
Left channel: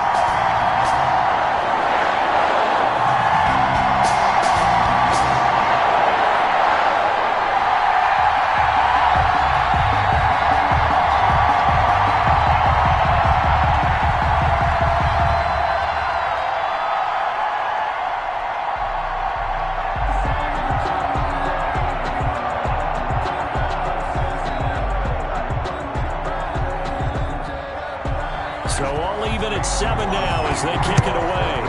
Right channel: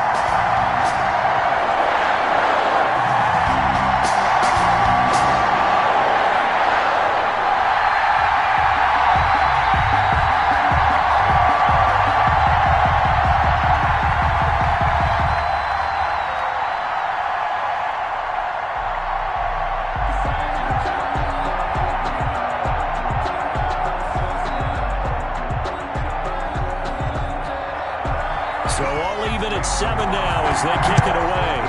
even at 7 now as they kick it away.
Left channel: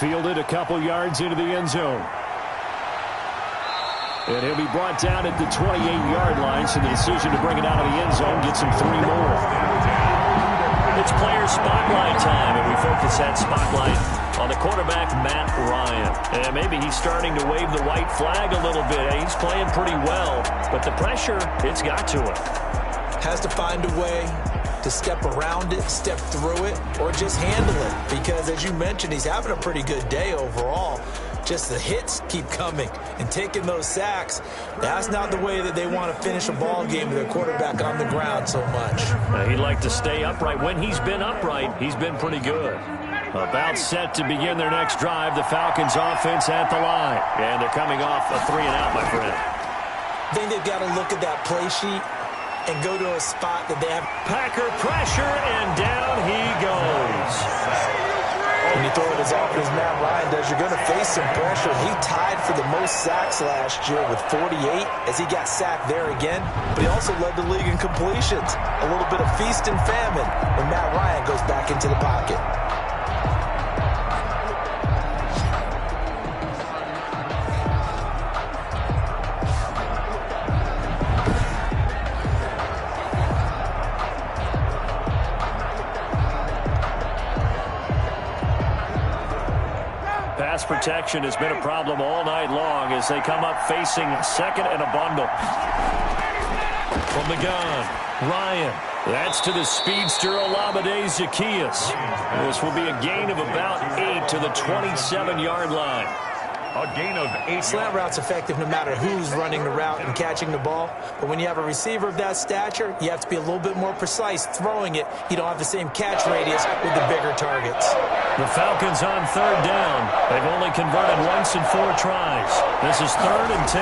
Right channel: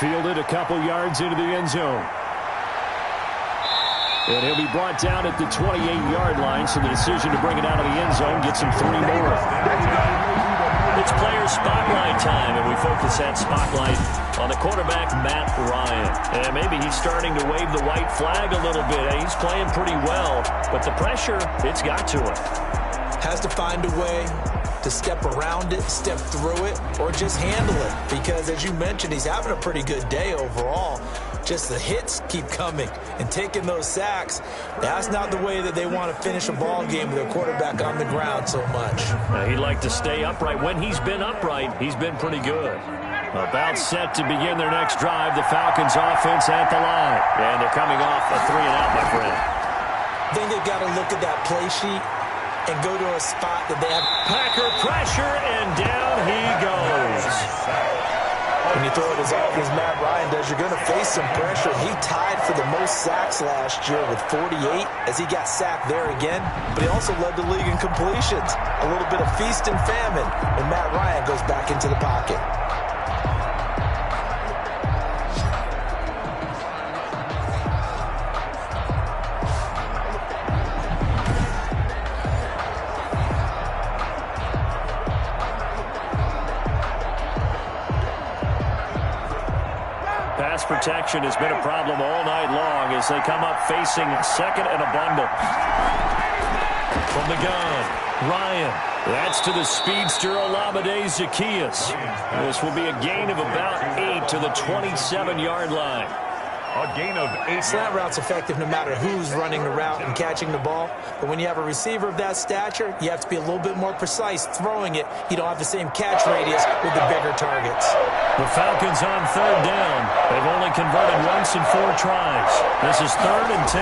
Fielded a couple yards into the end zone. And he'll be brought down at the 28-yard line, so the decision to bring it out of the end zone gets him 3 more. It's player spotlight time, and we focus that spotlight on the quarterback, Matt Ryan. And maybe he's starting to wave the white flag a little bit. He's playing pretty well, but the pressure, it's got to him. Has to find a way to step around it, step through it, or just handle it. Because, as you mentioned, he's having a pretty good day overall. Just the hits keep coming and taking those sacks. That's not the way that they want to finish a ball game with their quarterback on the ground so much. He'd like to stay upright. When he's been upright, he's been pretty good. About set to begin their next drive, the Falcons offense at the line. And they're coming off a 3-and-out, my friend. I think they've got to look at that play sheet and go to a spot that they have. Packer pressure, and down he goes. When you throw it as often as Matt Ryan does, you're going to face some pressure. He tied for the most sacks last year with 48 as he got sacked there again. But he also led the league in completions. A little bit of feast and famine when Matt Ryan goes back into the pocket. Pass protection has been a problem all night long as they come up facing second and a bundle. From the gun, Ryan. That's to the speedster, Olamide Zaccheaus. This will be a gain of about 8 to the 27-yard line. A gain of 8. Slant route's effective no matter who's running the route and catching the ball. But when you have a receiver of that stature, you have to be a little bit more precise throwing it. You don't have the same catch radius with the bigger targets. The Falcons on 3rd down. They've only converted once in 4 tries. This is 3rd and 10.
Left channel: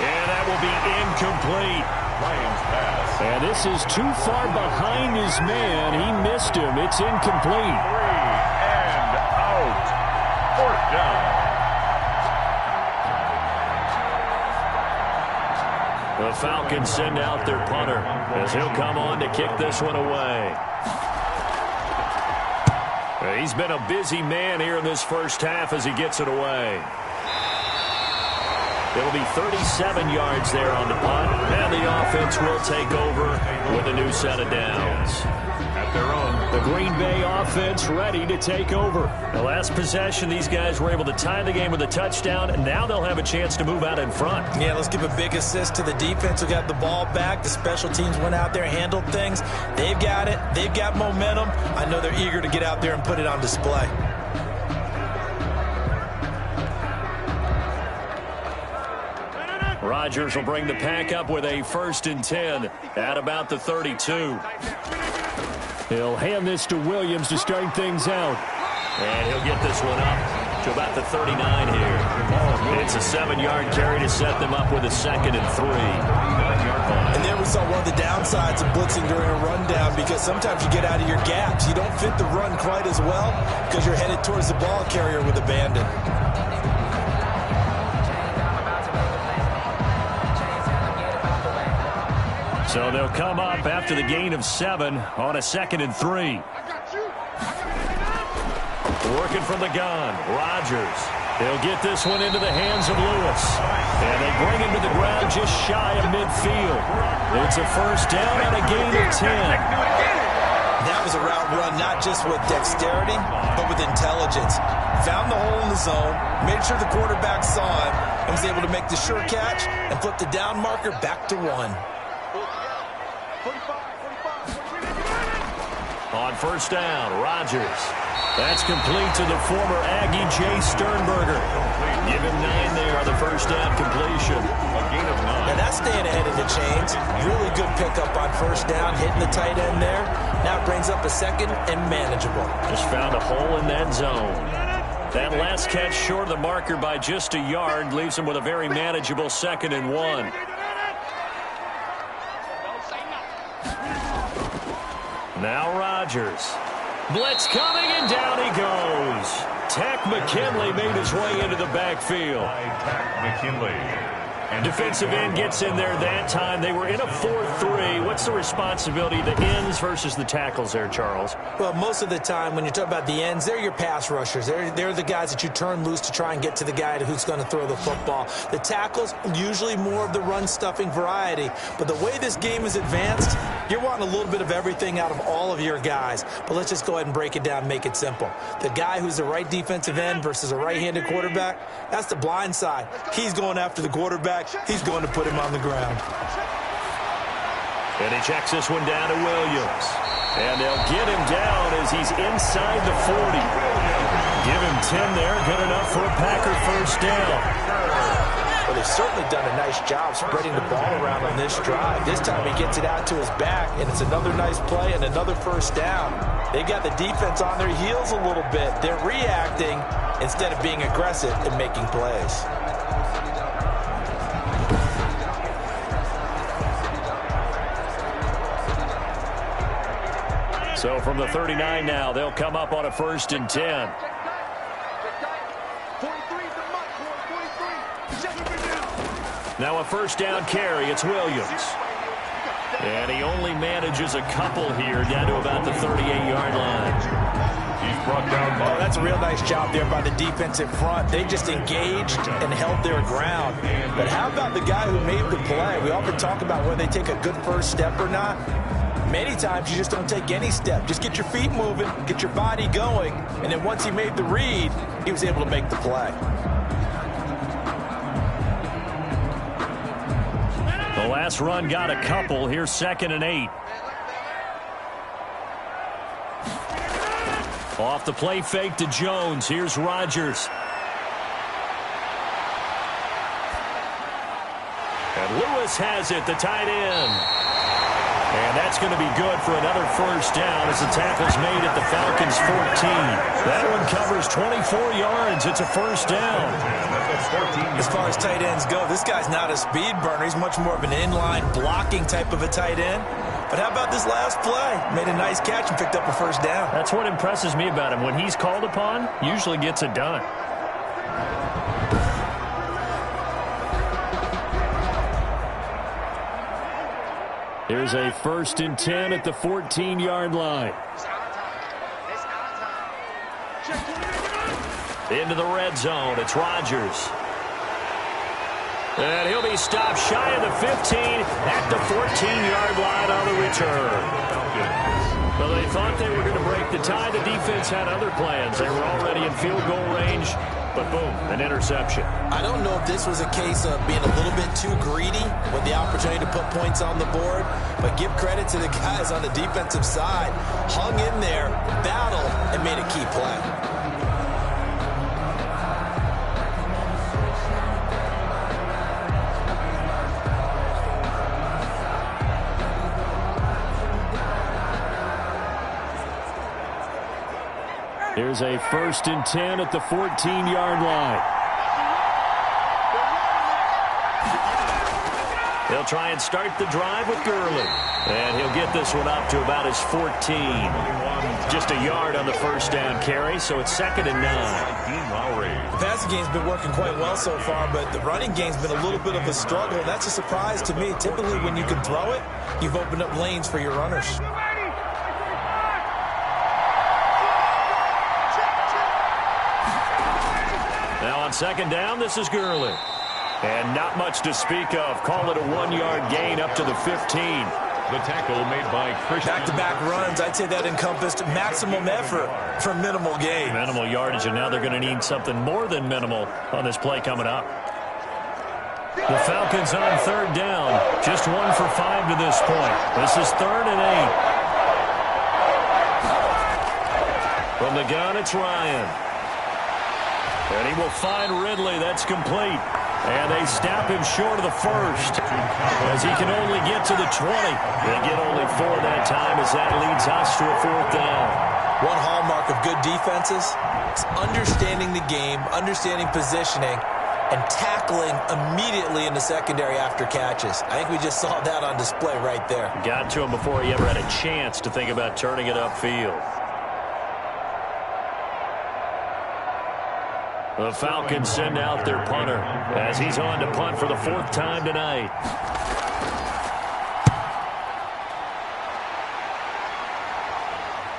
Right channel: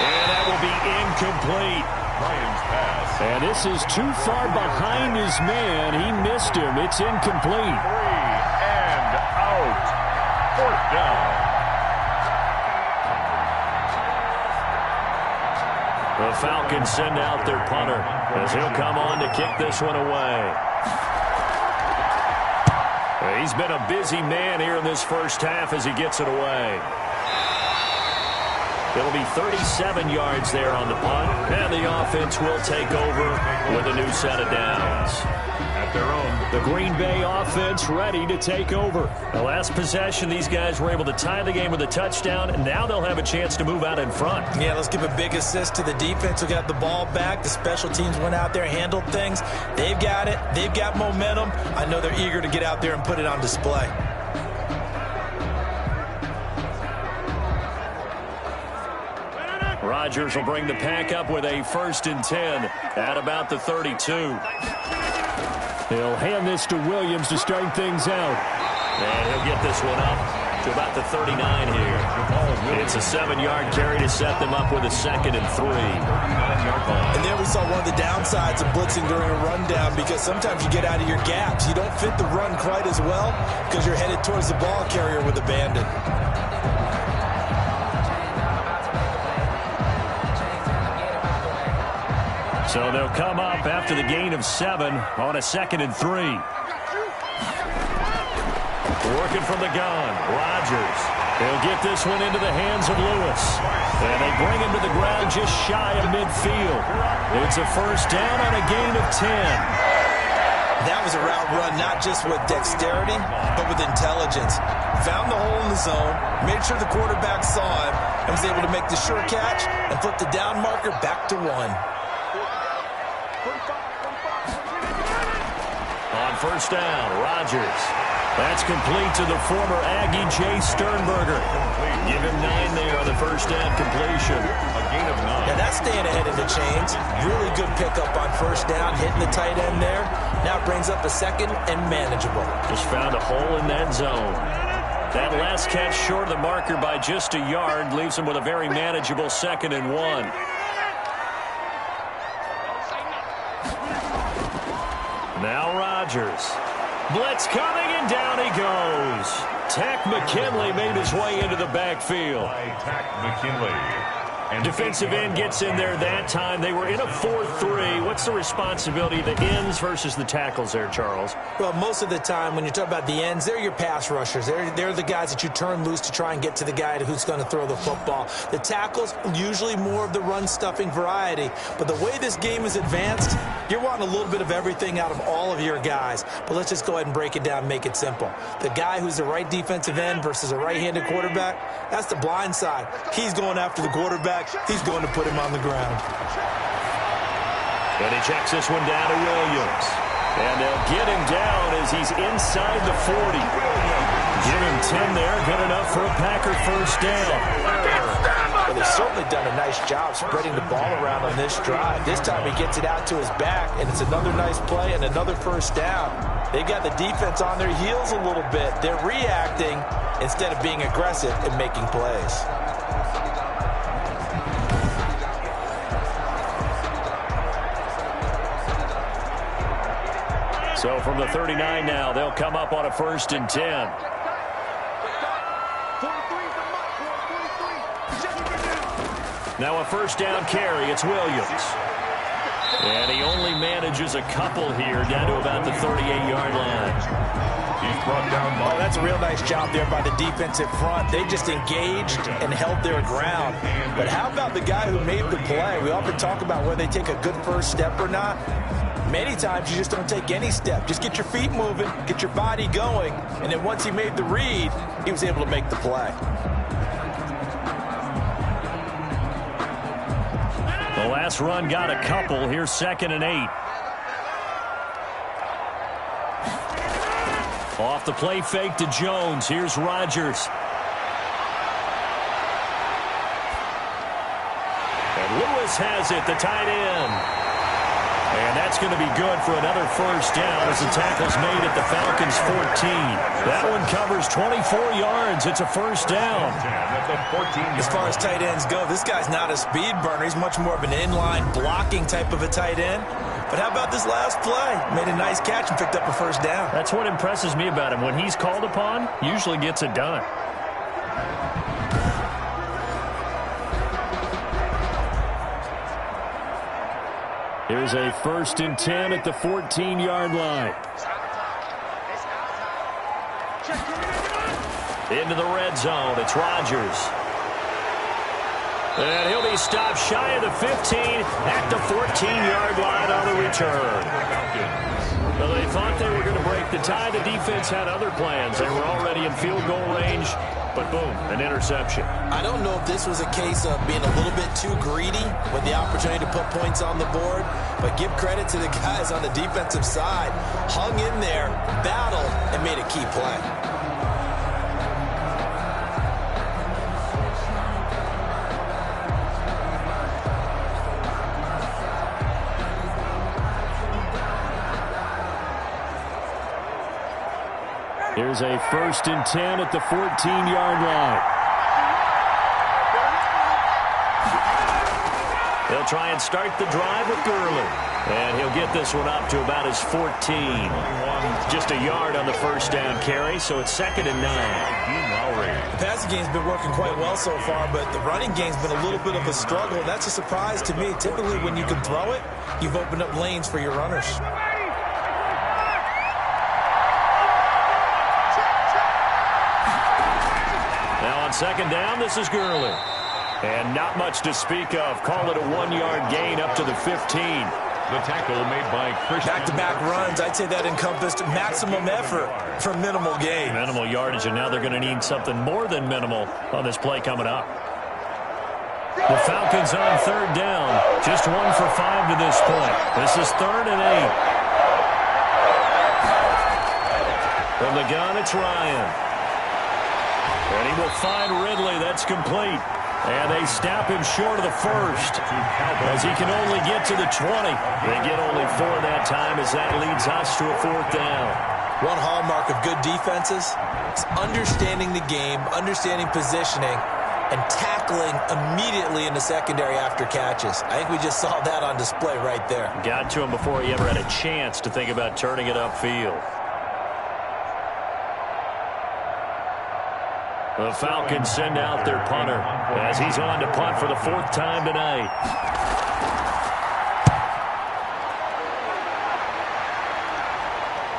And that will be incomplete. Ryan's pass. And this is too far behind his man. He missed him. It's incomplete. 3 and out. 4th down. The Falcons send out their punter as he'll come on to kick this one away. He's been a busy man here in this first half as he gets it away. It'll be 37 yards there on the punt, and the offense will take over with a new set of downs. At their own. The Green Bay offense ready to take over. The last possession, these guys were able to tie the game with a touchdown, and now they'll have a chance to move out in front. Yeah, let's give a big assist to the defense who got the ball back. The special teams went out there, handled things. They've got it. They've got momentum. I know they're eager to get out there and put it on display. Rodgers will bring the pack up with a 1st and 10 at about the 32. He'll hand this to Williams to start things out. And he'll get this one up to about the 39 here. It's a 7-yard carry to set them up with a 2nd and 3. And there we saw one of the downsides of blitzing during a rundown, because sometimes you get out of your gaps. You don't fit the run quite as well because you're headed towards the ball carrier with abandon. So they'll come up after the gain of 7 on a 2nd and 3. Working from the gun, Rodgers. He'll get this one into the hands of Lewis. And they bring him to the ground just shy of midfield. It's a 1st down on a gain of 10. That was a route run not just with dexterity, but with intelligence. Found the hole in the zone, made sure the quarterback saw him, and was able to make the sure catch and flip the down marker back to 1. On 1st down, Rodgers. That's complete to the former Aggie, Jay Sternberger. Give him 9 there on the 1st down completion. A gain of 9. Now that's staying ahead of the chains. Really good pickup on 1st down, hitting the tight end there. Now it brings up a 2nd and manageable. Just found a hole in that zone. That last catch short of the marker by just a yard leaves him with a very manageable 2nd and 1. Now Rodgers. Blitz coming, and down he goes. Tack McKinley made his way into the backfield. By Tack McKinley. Defensive end gets in there that time. They were in a 4-3. What's the responsibility of the ends versus the tackles there, Charles? Well, most of the time when you talk about the ends, they're your pass rushers. They're the guys that you turn loose to try and get to the guy who's going to throw the football. The tackles, usually more of the run-stuffing variety. But the way this game is advanced, you're wanting a little bit of everything out of all of your guys. But let's just go ahead and break it down and make it simple. The guy who's the right defensive end versus a right-handed quarterback, that's the blind side. He's going after the quarterback. He's going to put him on the ground. And he checks this one down to Williams. And they'll get him down as he's inside the 40. Give him 10 there. Good enough for a Packer first down. Well, they've certainly done a nice job spreading the ball around on this drive. This time he gets it out to his back, and it's another nice play and another first down. They've got the defense on their heels a little bit. They're reacting instead of being aggressive and making plays. So from the 39 now, they'll come up on a 1st and 10. Now a first down carry. It's Williams. And he only manages a couple here down to about the 38-yard line. He's brought down by... Oh, that's a real nice job there by the defensive front. They just engaged and held their ground. But how about the guy who made the play? We often talk about whether they take a good first step or not. Many times you just don't take any step. Just get your feet moving, get your body going, and then once he made the read, he was able to make the play. The last run got a couple. Here's 2nd and 8. Off the play fake to Jones. Here's Rodgers. And Lewis has it, the tight end. And that's going to be good for another first down as the tackle's made at the Falcons' 14. That one covers 24 yards. It's a first down. As far as tight ends go, this guy's not a speed burner. He's much more of an inline blocking type of a tight end. But how about this last play? Made a nice catch and picked up a first down. That's what impresses me about him. When he's called upon, usually gets it done. Here's a 1st and 10 at the 14-yard line. Into the red zone. It's Rodgers. And he'll be stopped shy of the 15 at the 14-yard line on the return. Well, they thought they were going to break the tie. The defense had other plans. They were already in field goal range. But boom, an interception. I don't know if this was a case of being a little bit too greedy with the opportunity to put points on the board, but give credit to the guys on the defensive side. Hung in there, battled, and made a key play. Here's a 1st and 10 at the 14-yard line. They'll try and start the drive with Gurley. And he'll get this one up to about his 14. Just a yard on the first down carry, so it's 2nd and 9. The passing game's been working quite well so far, but the running game's been a little bit of a struggle. And that's a surprise to me. Typically, when you can throw it, you've opened up lanes for your runners. Now on 2nd down, this is Gurley. And not much to speak of. Call it a 1-yard gain up to the 15. The tackle made by Christian. Back-to-back runs, I'd say that encompassed maximum effort for minimal gain. Minimal yardage, and now they're going to need something more than minimal on this play coming up. The Falcons on 3rd down. Just 1 for 5 to this point. This is 3rd and 8. From the gun, it's Ryan. And he will find Ridley. That's complete. And they snap him short of the first as he can only get to the 20. They get only 4 that time as that leads us to a 4th down. One hallmark of good defenses is understanding the game, understanding positioning, and tackling immediately in the secondary after catches. I think we just saw that on display right there. Got to him before he ever had a chance to think about turning it upfield. The Falcons send out their punter as he's on to punt for the 4th time tonight.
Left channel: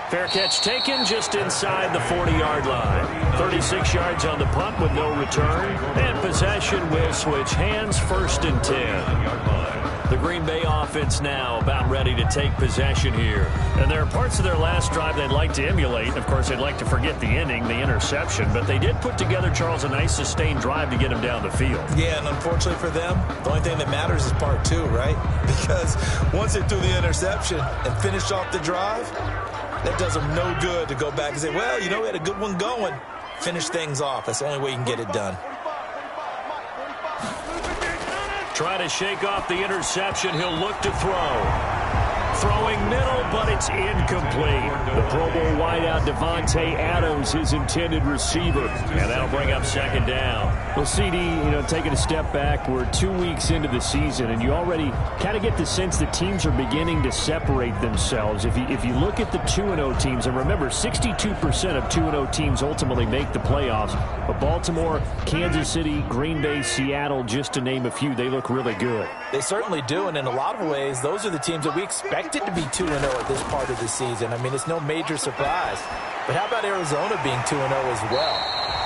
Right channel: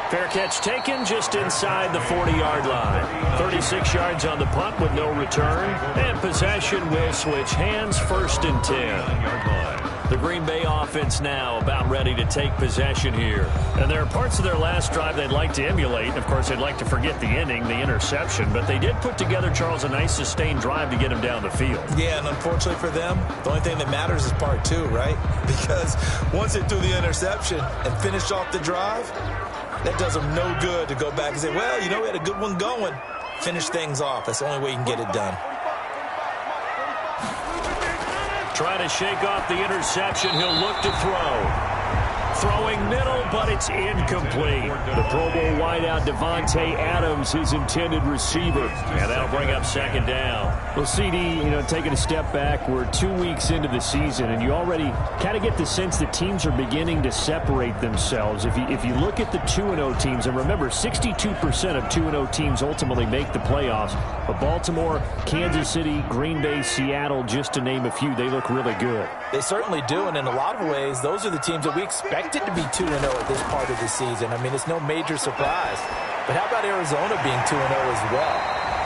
Fair catch taken just inside the 40-yard line. 36 yards on the punt with no return. And possession will switch hands, 1st and 10. The Green Bay offense now about ready to take possession here. And there are parts of their last drive they'd like to emulate. Of course, they'd like to forget the ending, the interception. But they did put together, Charles, a nice sustained drive to get him down the field. Yeah, and unfortunately for them, the only thing that matters is part 2, right? Because once they threw the interception and finished off the drive, that does them no good to go back and say, well, you know, we had a good one going. Finish things off. That's the only way you can get it done. Try to shake off the interception. He'll look to throw. Throwing middle, but it's incomplete. The Pro Bowl wideout Devontae Adams, his intended receiver. And that'll bring up 2nd down. Well, CD, taking a step back, we're 2 weeks into the season, and you already kind of get the sense that teams are beginning to separate themselves. If you look at the 2-0 teams, and remember, 62% of 2-0 teams ultimately make the playoffs. But Baltimore, Kansas City, Green Bay, Seattle, just to name a few, they look really good. They certainly do, and in a lot of ways, those are the teams that we expected to be 2-0 at this part of the season. I mean, it's no major surprise. But how about Arizona being 2-0 as well?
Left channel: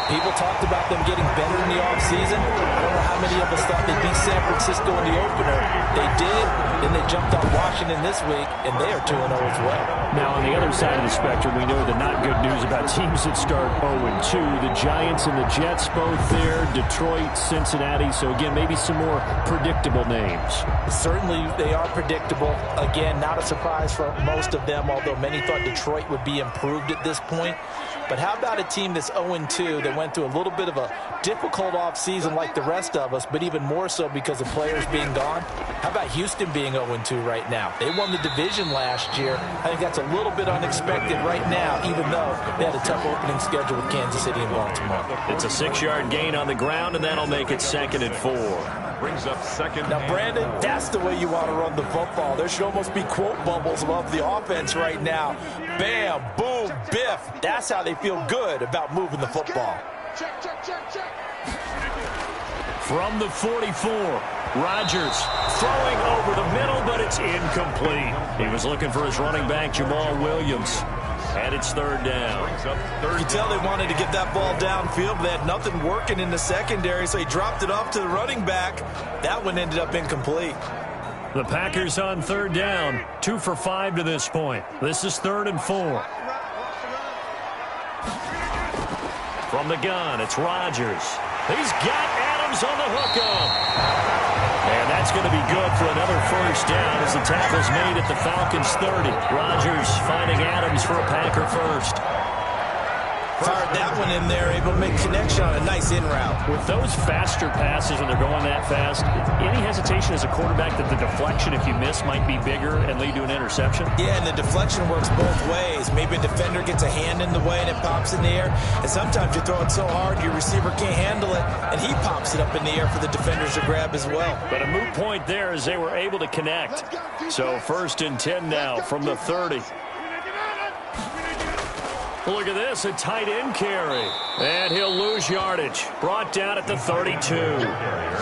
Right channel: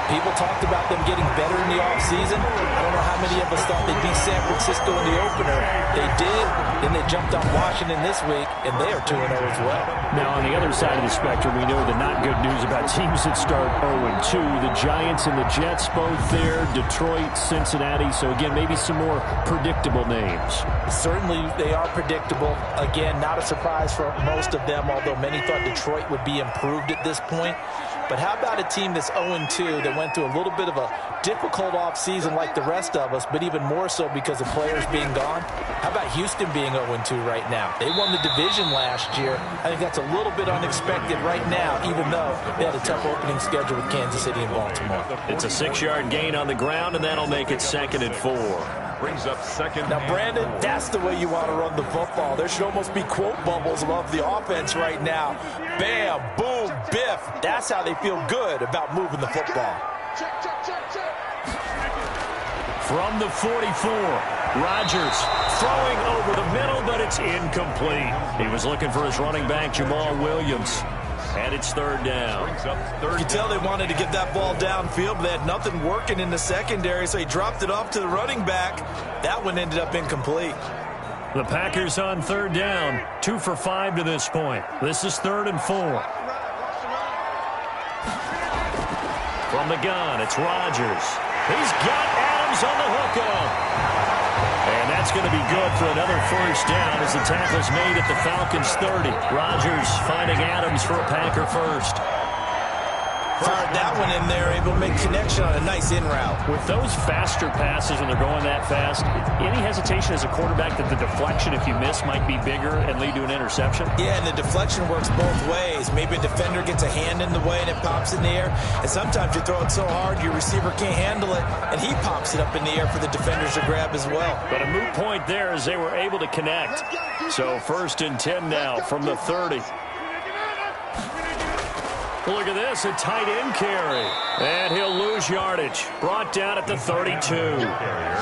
People talked about them getting better in the offseason. I don't know how many of us thought they'd beat San Francisco in the opener. They did. Then they jumped on Washington this week, and they are 2-0 as well. Now, on the other side of the spectrum, we know the not good news about teams that start 0-2. The Giants and the Jets both there. Detroit, Cincinnati. So, again, maybe some more predictable names. Certainly, they are predictable. Again, not a surprise for most of them, although many thought Detroit would be improved at this point. But how about a team that's 0-2 that went through a little bit of a difficult offseason like the rest of us, but even more so because of players being gone? How about Houston being 0-2 right now? They won the division last year. I think that's a little bit unexpected right now, even though they had a tough opening schedule with Kansas City and Baltimore. It's a 6-yard gain on the ground, and that'll make it 2nd and 4. Brings up 2nd. Now, Brandon, that's the way you want to run the football. There should almost be quote bubbles above the offense right now. Bam, boom, biff. That's how they feel good about moving the football. Check, check, check, check. From the 44, Rodgers throwing over the middle, but it's incomplete. He was looking for his running back, Jamal Williams. And it's 3rd down. You can tell they wanted to get that ball downfield, but they had nothing working in the secondary, so he dropped it off to the running back. That one ended up incomplete. The Packers on 3rd down, 2 for 5 to this point. This is 3rd and 4. From the gun, it's Rodgers. He's got Adams on the hook up. And that's going to be good for another 1st down as the tackle's made at the Falcons' 30. Rodgers finding Adams for a Packer first. Fired that one in there, able to make connection on a nice in route. With those faster passes when they're going that fast, any hesitation as a quarterback that the deflection, if you miss, might be bigger and lead to an interception? Yeah, and the deflection works both ways. Maybe a defender gets a hand in the way and it pops in the air. And sometimes you throw it so hard your receiver can't handle it, and he pops it up in the air for the defenders to grab as well. But a moot point there as they were able to connect. So 1st and 10 now from the 30. Look at this, a tight end carry. And he'll lose yardage. Brought down at the 32.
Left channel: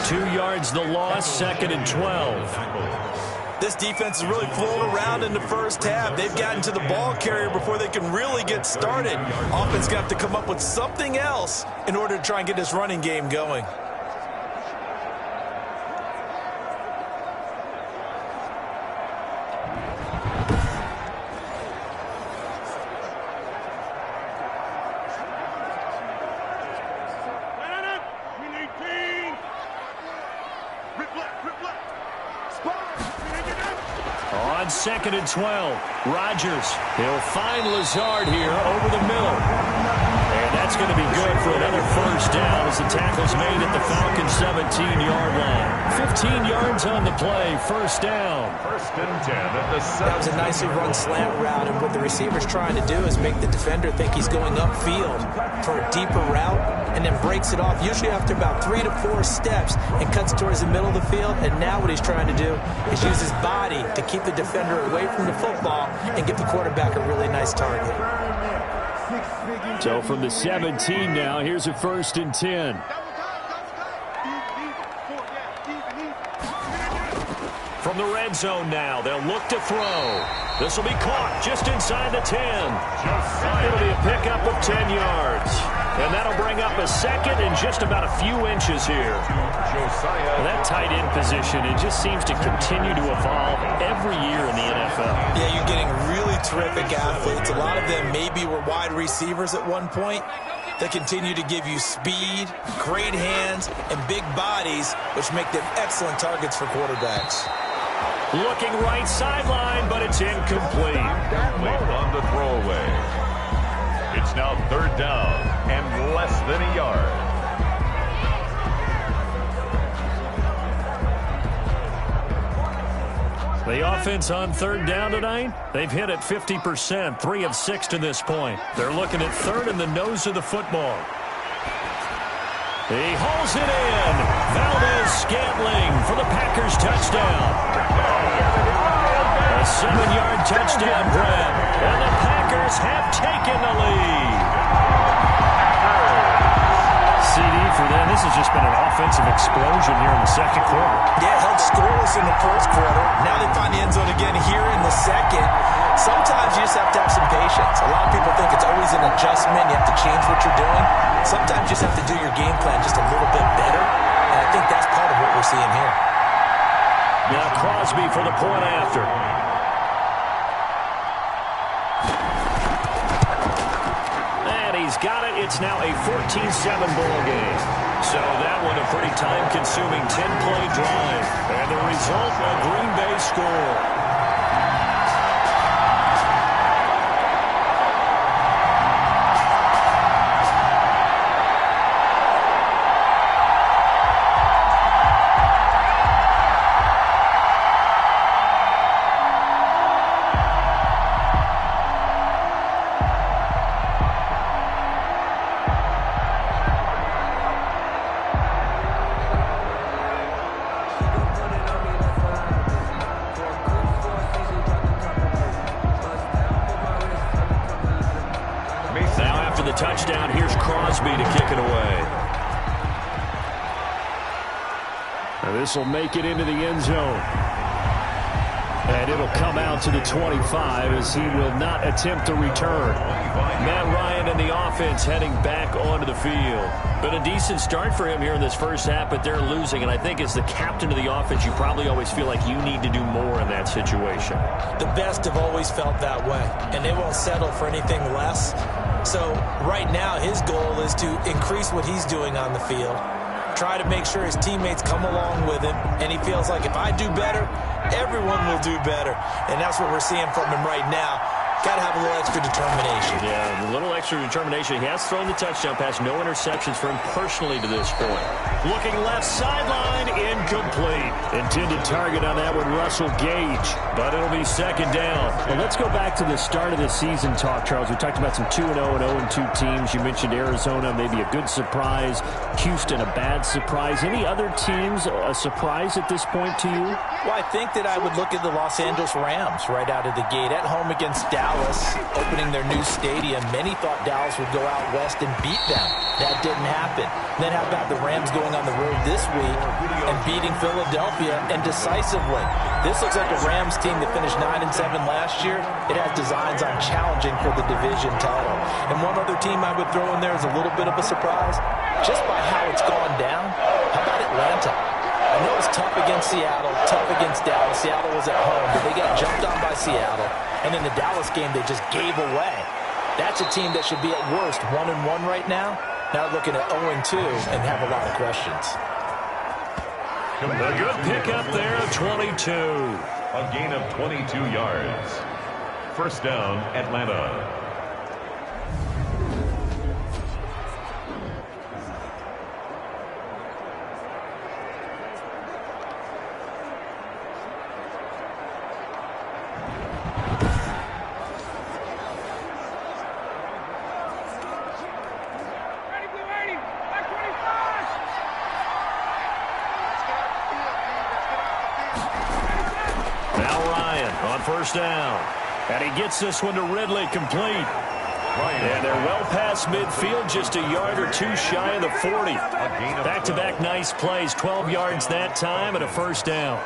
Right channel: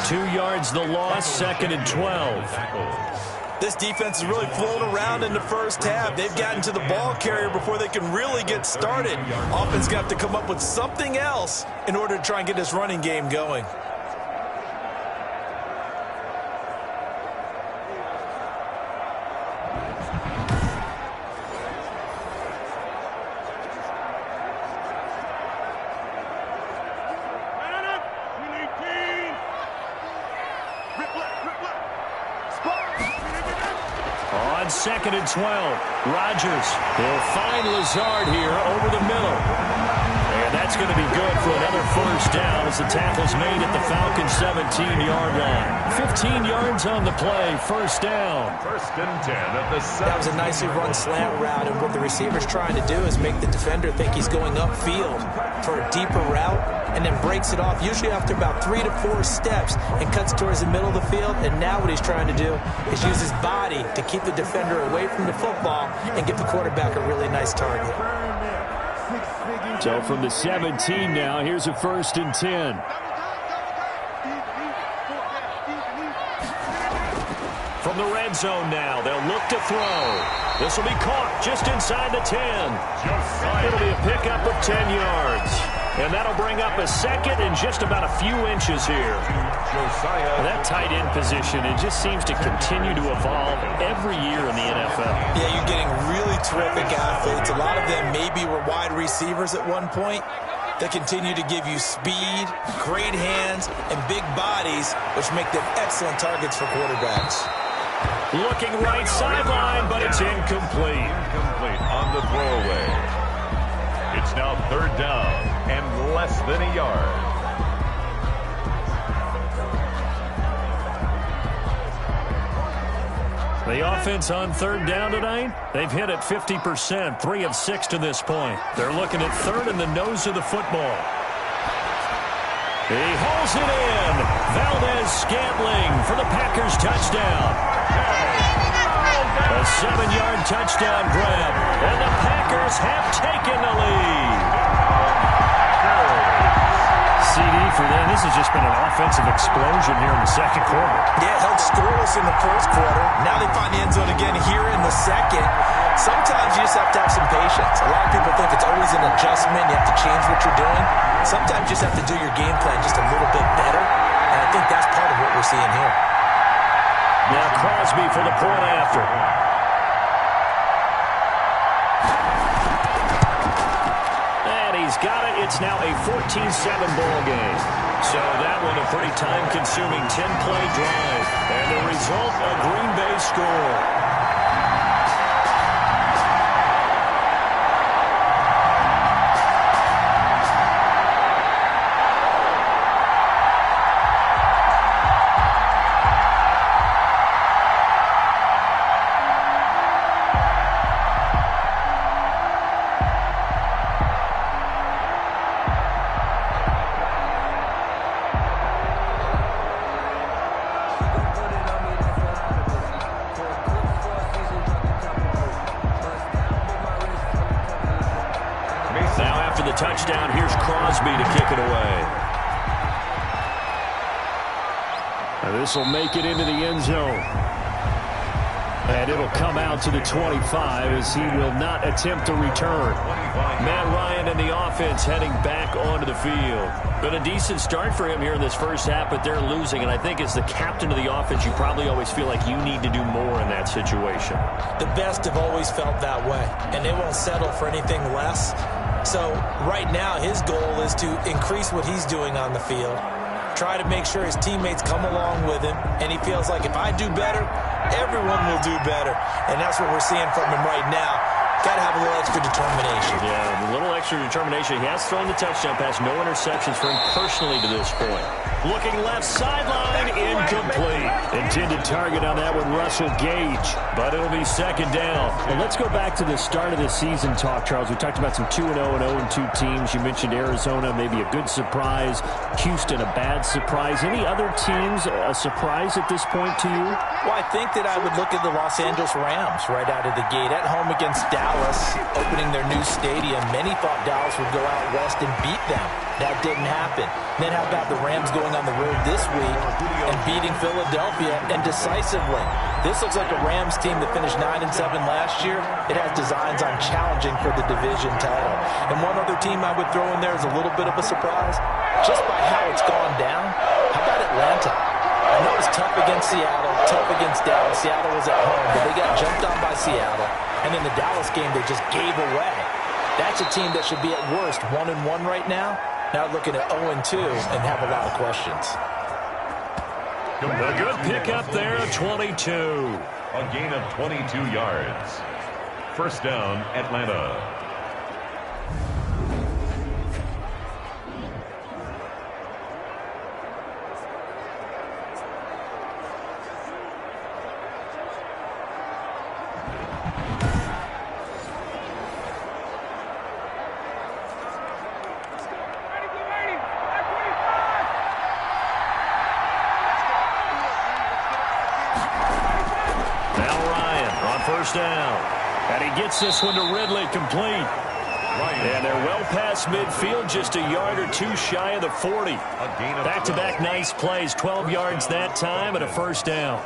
2 yards the loss, 2nd and 12. This defense is really flown around in the first half. They've gotten to the ball carrier before they can really get started. Offense got to come up with something else in order to try and get this running game going. On 2nd and 12, Rodgers. He'll find Lazard here over the middle. And that's going to be good for another 1st down as the tackle's made at the Falcons' 17-yard line. 15 yards on the play, 1st down. 1st and 10 at the 7. That was a nicely run slant route, and what the receiver's trying to do is make the defender think he's going upfield for a deeper route, and then breaks it off, usually after about 3 to 4 steps, and cuts towards the middle of the field. And now what he's trying to do is use his body to keep the defender away from the football and give the quarterback a really nice target. So from the 17 now, here's a 1st and 10. From the red zone now, they'll look to throw. This will be caught just inside the 10. It'll be a pickup of 10 yards. And that'll bring up a 2nd and just about a few inches here. That tight end position, it just seems to continue to evolve every year in the NFL. Yeah, you're getting really terrific athletes. A lot of them maybe were wide receivers at one point. They continue to give you speed, great hands, and big bodies, which make them excellent targets for quarterbacks. Looking right sideline, but it's incomplete. Incomplete on the throwaway. It's now 3rd down and less than a yard. The offense on 3rd down tonight, they've hit it 50%, 3 of 6 to this point. They're looking at 3rd in the nose of the football. He hauls it in. Valdez-Scantling for the Packers touchdown. A 7-yard touchdown grab, and the Packers have taken the lead. CD for them. This has just been an offensive explosion here in the 2nd quarter. Yeah, held scoreless in the 1st quarter. Now they find the end zone again here in the 2nd. Sometimes you just have to have some patience. A lot of people think it's always an adjustment. You have to change what you're doing. Sometimes you just have to do your game plan just a little bit better. And I think that's part of what we're seeing here. Now Crosby for the point after. And he's got it. It's now a 14-7 ball game. So that one a pretty time-consuming 10-play drive. And the result, a Green Bay score. Touchdown. Here's Crosby to kick it away. This will make it into the end zone. And it'll come out to the 25 as he will not attempt to return. Matt Ryan and the offense heading back onto the field. Been a decent start for him here in this 1st half, but they're losing. And I think as the captain of the offense, you probably always feel like you need to do more in that situation. The best have always felt that way, and they won't settle for anything less. So right now his goal is to increase what he's doing on the field, try to make sure his teammates come along with him, and he feels like if I do better, everyone will do better. And that's what we're seeing from him right now. Got to have a little extra determination. Yeah, a little extra determination. He has thrown the touchdown pass. No interceptions for him personally to this point. Looking left sideline, incomplete. Intended target on that one, Russell Gage. But it'll be 2nd down. Well, let's go back to the start of the season talk, Charles. We talked about some 2-0 and 0-2 teams. You mentioned Arizona, maybe a good surprise. Houston, a bad surprise. Any other teams a surprise at this point to you? Well, I think that I would look at the Los Angeles Rams right out of the gate. At home against Dallas, opening their new stadium. Many thought Dallas would go out west and beat them. That didn't happen. Then how about the Rams going on the road this week and beating Philadelphia, and decisively? This looks like a Rams team that finished 9-7 last year. It has designs on challenging for the division title. And one other team I would throw in there is a little bit of a surprise, just by how it's gone down. How about Atlanta? I know it's tough against Seattle, tough against Dallas. Seattle was at home, but they got jumped on by Seattle. And in the Dallas game, they just gave away. That's a team that should be at worst 1-1 right now. Now looking at 0-2 and have a lot of questions. A good pickup there, 22. A gain of 22 yards. 1st down, Atlanta. Now Ryan on 1st down. And he gets this one to Ridley, complete. And they're well past midfield, just a yard or two shy of the 40. Back-to-back nice plays, 12 yards that time and a first down.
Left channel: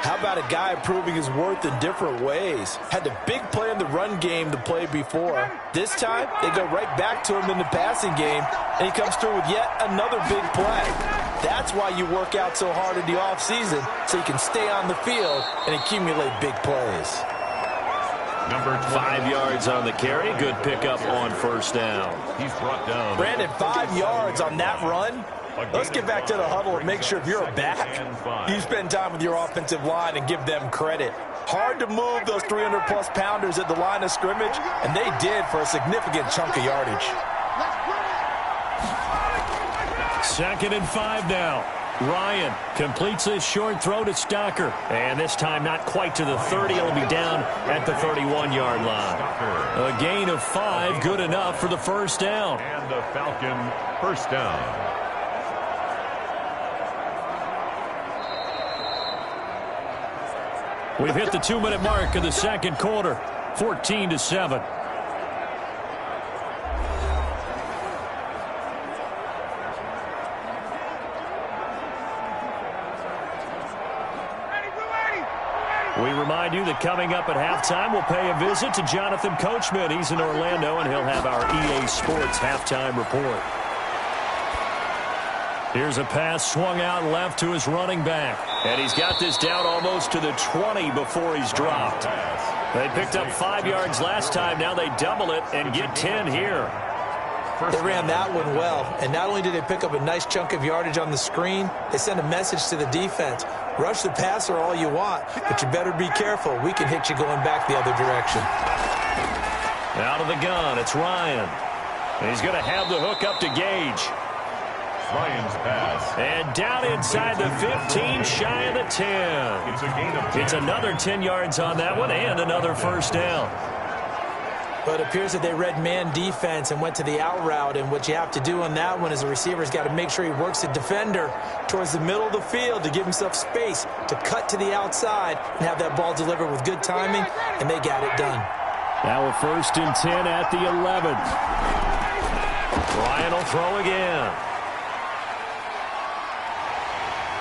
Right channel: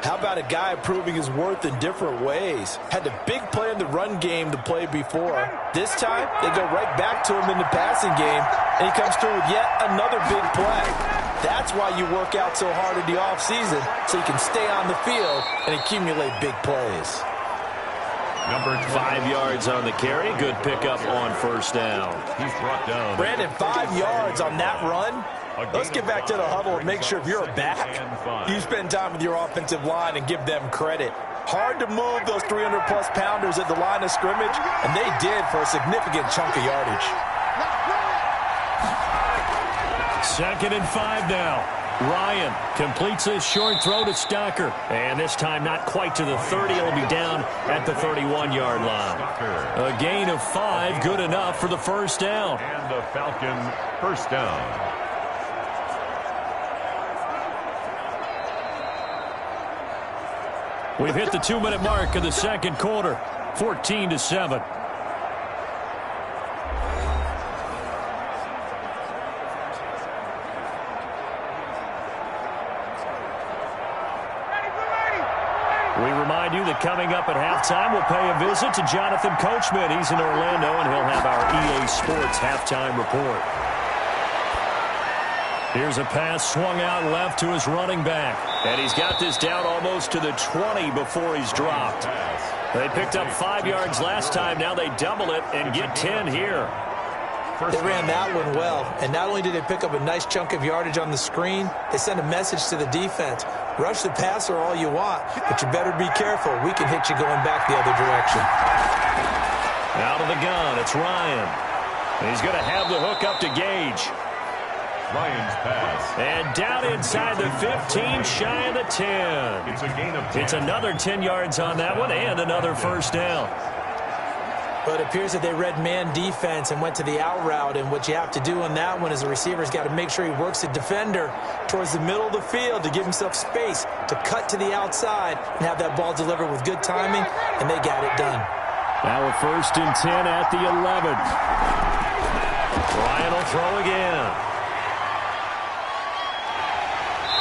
How about a guy proving his worth in different ways? Had the big play in the run game to play before. This time, they go right back to him in the passing game, and he comes through with yet another big play. That's why you work out so hard in the offseason, so you can stay on the field and accumulate big plays. 5 yards on the carry. Good pickup on first down. He's brought down. Brandon, 5 yards on that run. Let's get back to the huddle and make sure if you're a back, you spend time with your offensive line and give them credit. Hard to move those 300-plus pounders at the line of scrimmage, and they did for a significant chunk of yardage. 2nd and 5 now. Ryan completes his short throw to Stocker. And this time not quite to the 30. It'll be down at the 31-yard line. A gain of 5, good enough for the first down. And the Falcon first down. We've hit the 2-minute mark of the second quarter, 14-7. We remind you that coming up at halftime, we'll pay a visit to Jonathan Coachman. He's in Orlando, and he'll have our EA Sports halftime report. Here's a pass swung out left to his running back. And he's got this down almost to the 20 before he's dropped. They picked up 5 yards last time. Now they double it and get 10 here. They ran that one well. And not only did they pick up a nice chunk of yardage on the screen, they sent a message to the defense. Rush the passer all you want, but you better be careful. We can hit you going back the other direction. Out of the gun, it's Ryan. He's going to have the hook up to Gage. Ryan's pass. And down inside the 15, shy of the 10. It's a gain of 10. It's another 10 yards on that one and another first down. But it appears that they read man defense and went to the out route. And what you have to do on that one is the receiver's got to make sure he works the defender towards the middle of the field to give himself space to cut to the outside and have that ball delivered with good timing, and they got it done. Now a 1st and 10 at the 11. Ryan will throw again.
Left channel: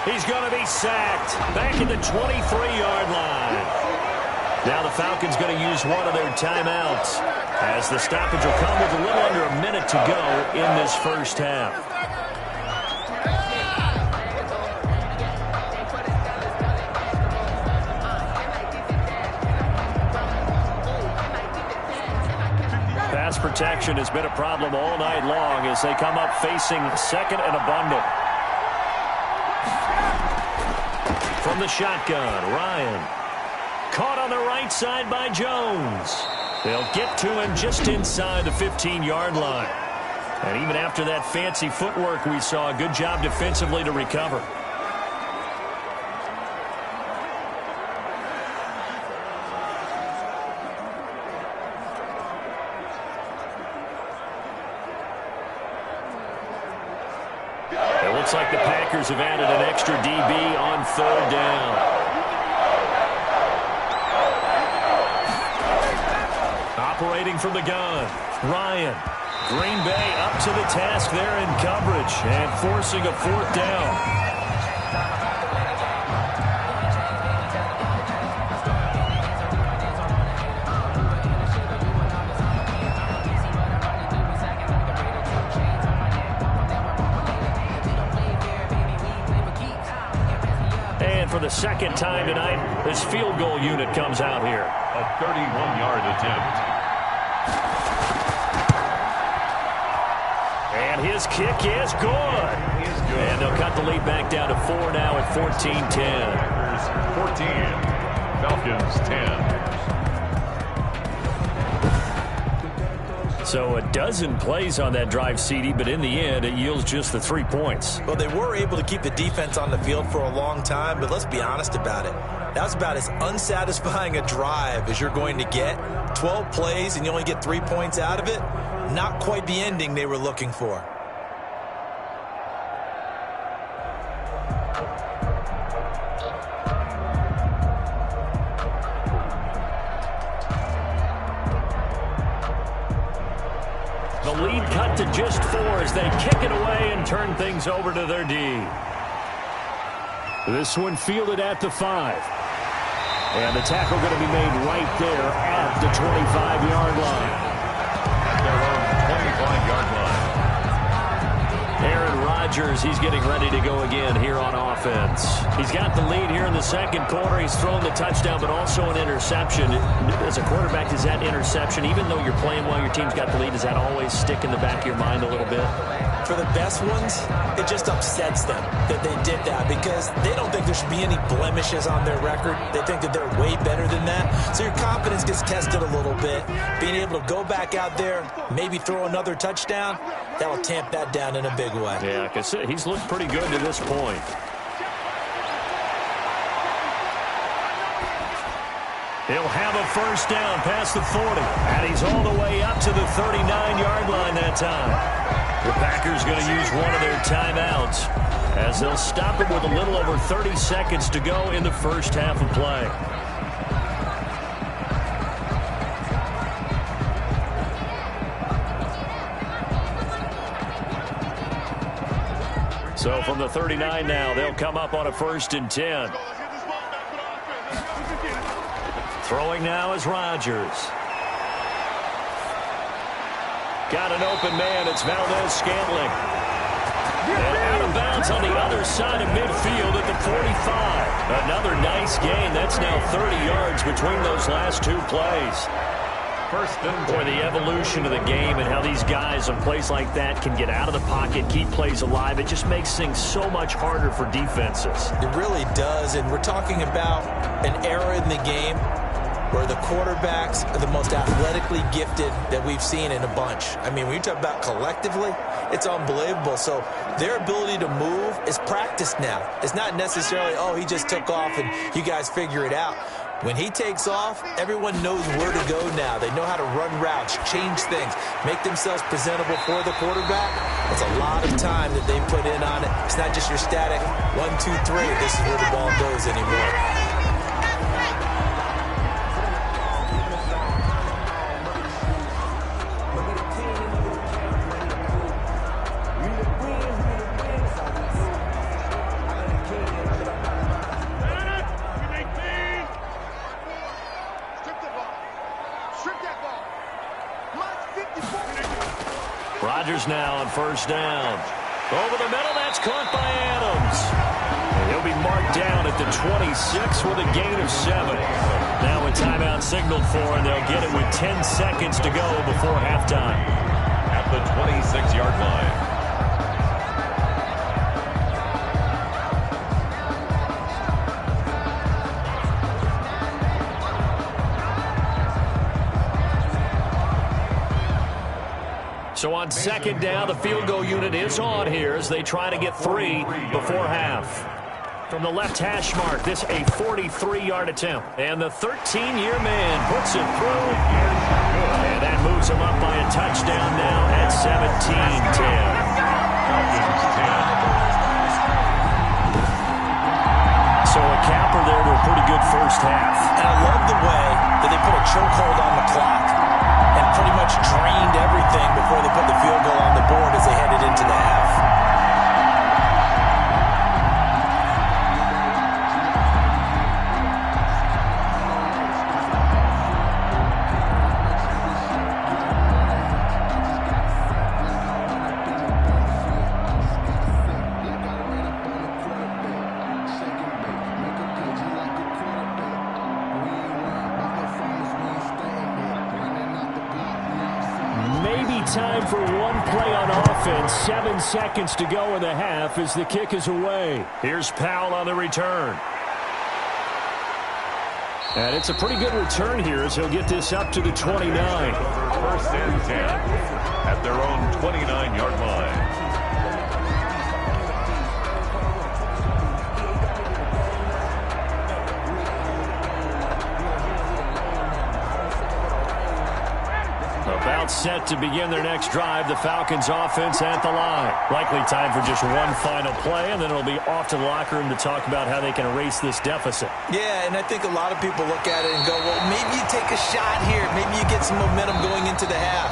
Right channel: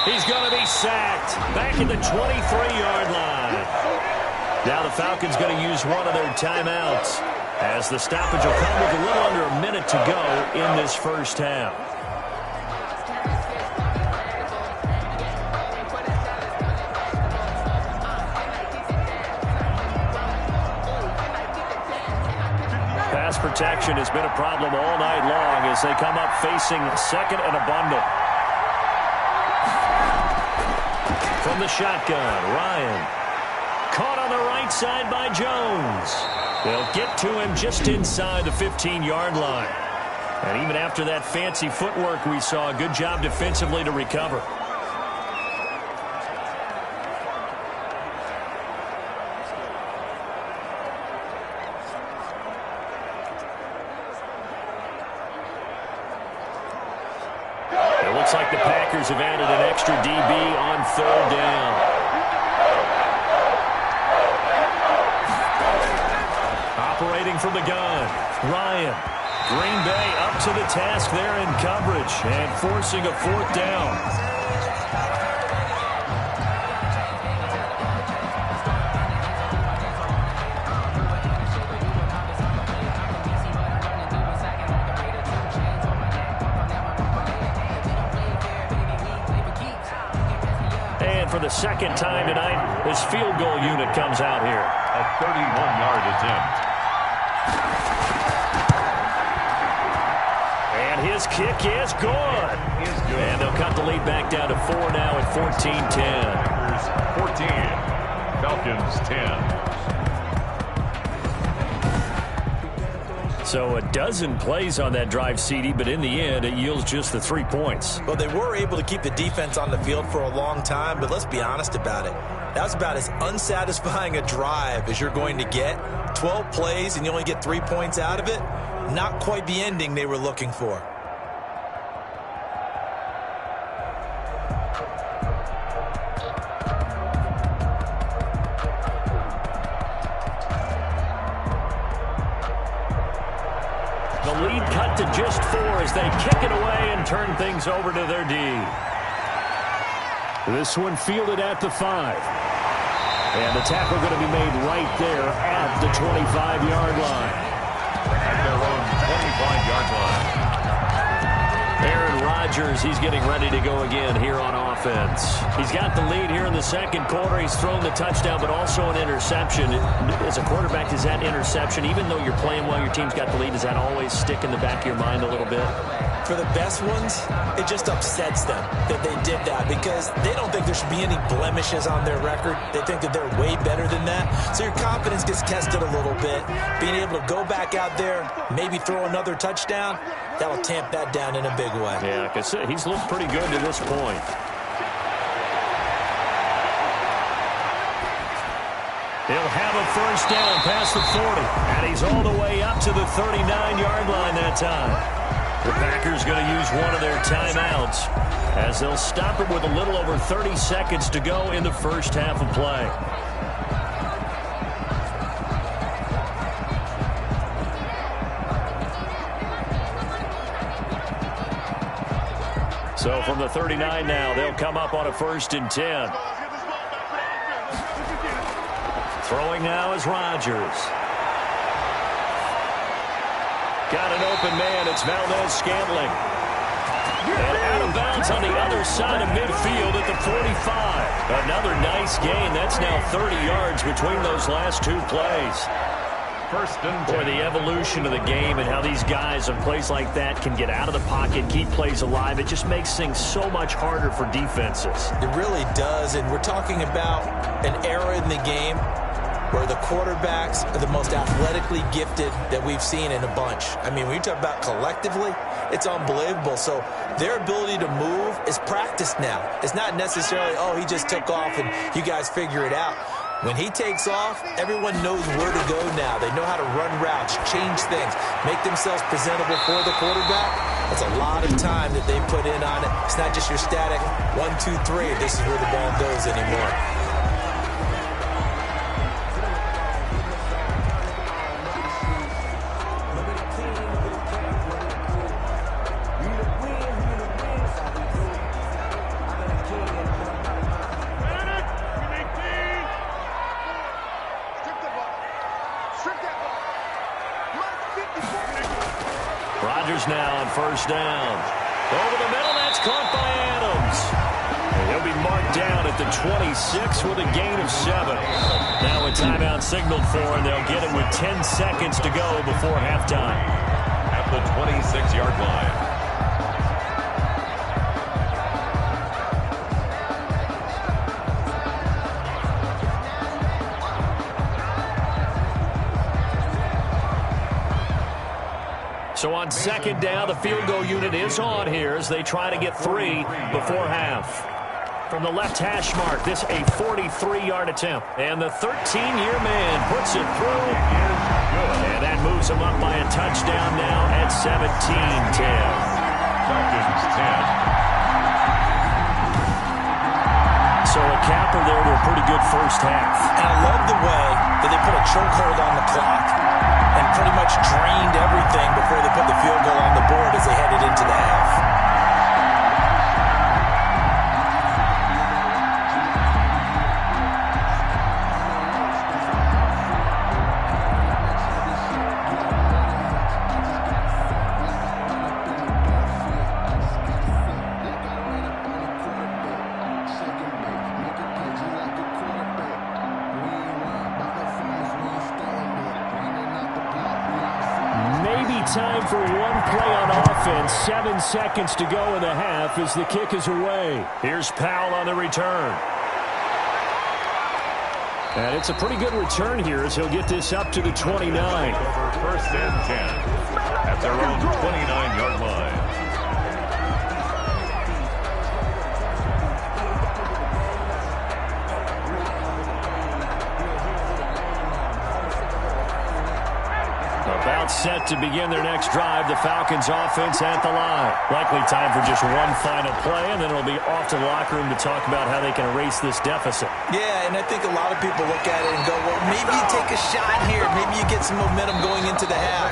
He's going to be sacked back at the 23-yard line. Now the Falcons going to use one of their timeouts as the stoppage will come with a little under a minute to go in this first half. Pass protection has been a problem all night long as they come up facing 2nd and a bundle. From the shotgun, Ryan. Caught on the right side by Jones. They'll get to him just inside the 15-yard line. And even after that fancy footwork we saw, a good job defensively to recover. It looks like the Packers have added an extra DB on 3rd down. Operating from the gun, Ryan. Green Bay up to the task there in coverage and forcing a 4th down. And for the 2nd time tonight, this field goal unit comes out here. A 31-yard attempt. And his kick is good. And they'll cut the lead back down to 4 now at 14-10. Packers 14, Falcons 10. So a dozen plays on that drive, CD, but in the end, it yields just the 3 points. Well, they were able to keep the defense on the field for a long time, but let's be honest about it. That was about as unsatisfying a drive as you're going to get. 12 plays and you only get 3 points out of it. Not quite the ending they were looking for. The lead cut to just 4 as they kick it away and turn things over to their D. This one fielded at the 5. And the tackle going to be made right there at the 25-yard line. At their own 25-yard line. Aaron Rodgers, he's getting ready to go again here on offense. He's got the lead here in the second quarter. He's thrown the touchdown, but also an interception. As a quarterback, does that interception, even though you're playing well, your team's got the lead, does that always stick in the back of your mind a little bit? For the best ones, it just upsets them that they did that because they don't think there should be any blemishes on their record. They think that they're way better than that. So your confidence gets tested a little bit. Being able to go back out there, maybe throw another touchdown, that'll tamp that down in a big way. Yeah, like I said, he's looked pretty good to this point. He'll have a first down past the 40. And he's all the way up to the 39-yard line that time. The Packers going to use one of their timeouts as they'll stop it with a little over 30 seconds to go in the first half of play. So from the 39 now, they'll come up on a 1st and 10. Throwing now is Rodgers. Got an open man. It's Valdez-Scantling. And out of bounds on the other side of midfield at the 45. Another nice gain. That's now 30 yards between those last 2 plays. 1st and 10. Boy, the evolution of the game and how these guys on plays like that can get out of the pocket, keep plays alive, it just makes things so much harder for defenses. It really does, and we're talking about an era in the game where the quarterbacks are the most athletically gifted that we've seen in a bunch. I mean, when you talk about collectively, it's unbelievable. So their ability to move is practiced now. It's not necessarily, oh, he just took off and you guys figure it out. When he takes off, everyone knows where to go now. They know how to run routes, change things, make themselves presentable for the quarterback. It's a lot of time that they put in on it. It's not just your static 1, 2, 3. This is where the ball goes anymore. Rodgers now on 1st down. Over the middle, that's caught by Adams. And he'll be marked down at the 26 with a gain of 7. Now a timeout signaled for, and they'll get it with 10 seconds to go before halftime. At the 26-yard line. So on 2nd down, the field goal unit is on here as they try to get 3 before half. From the left hash mark, this a 43-yard attempt. And the 13-year man puts it through. And that moves him up by a touchdown now at 17-10. Falcons 10. So a capper there to a pretty good first half. And I love the way that they put a chokehold on the clock and pretty much drained everything before they put the field goal on the board as they headed into the half. Time for one play on offense. 7 seconds to go in the half as the kick is away. Here's Powell on the return. And it's a pretty good return here as he'll get this up to the 29. 1st and 10 at their own 29-yard line. About set to begin their next drive. The Falcons offense at the line. Likely time for just one final play, and then it'll be off to the locker room to talk about how they can erase this deficit. Yeah, and I think a lot of people look at it and go, well, maybe you take a shot here. Maybe you get some momentum going into the half.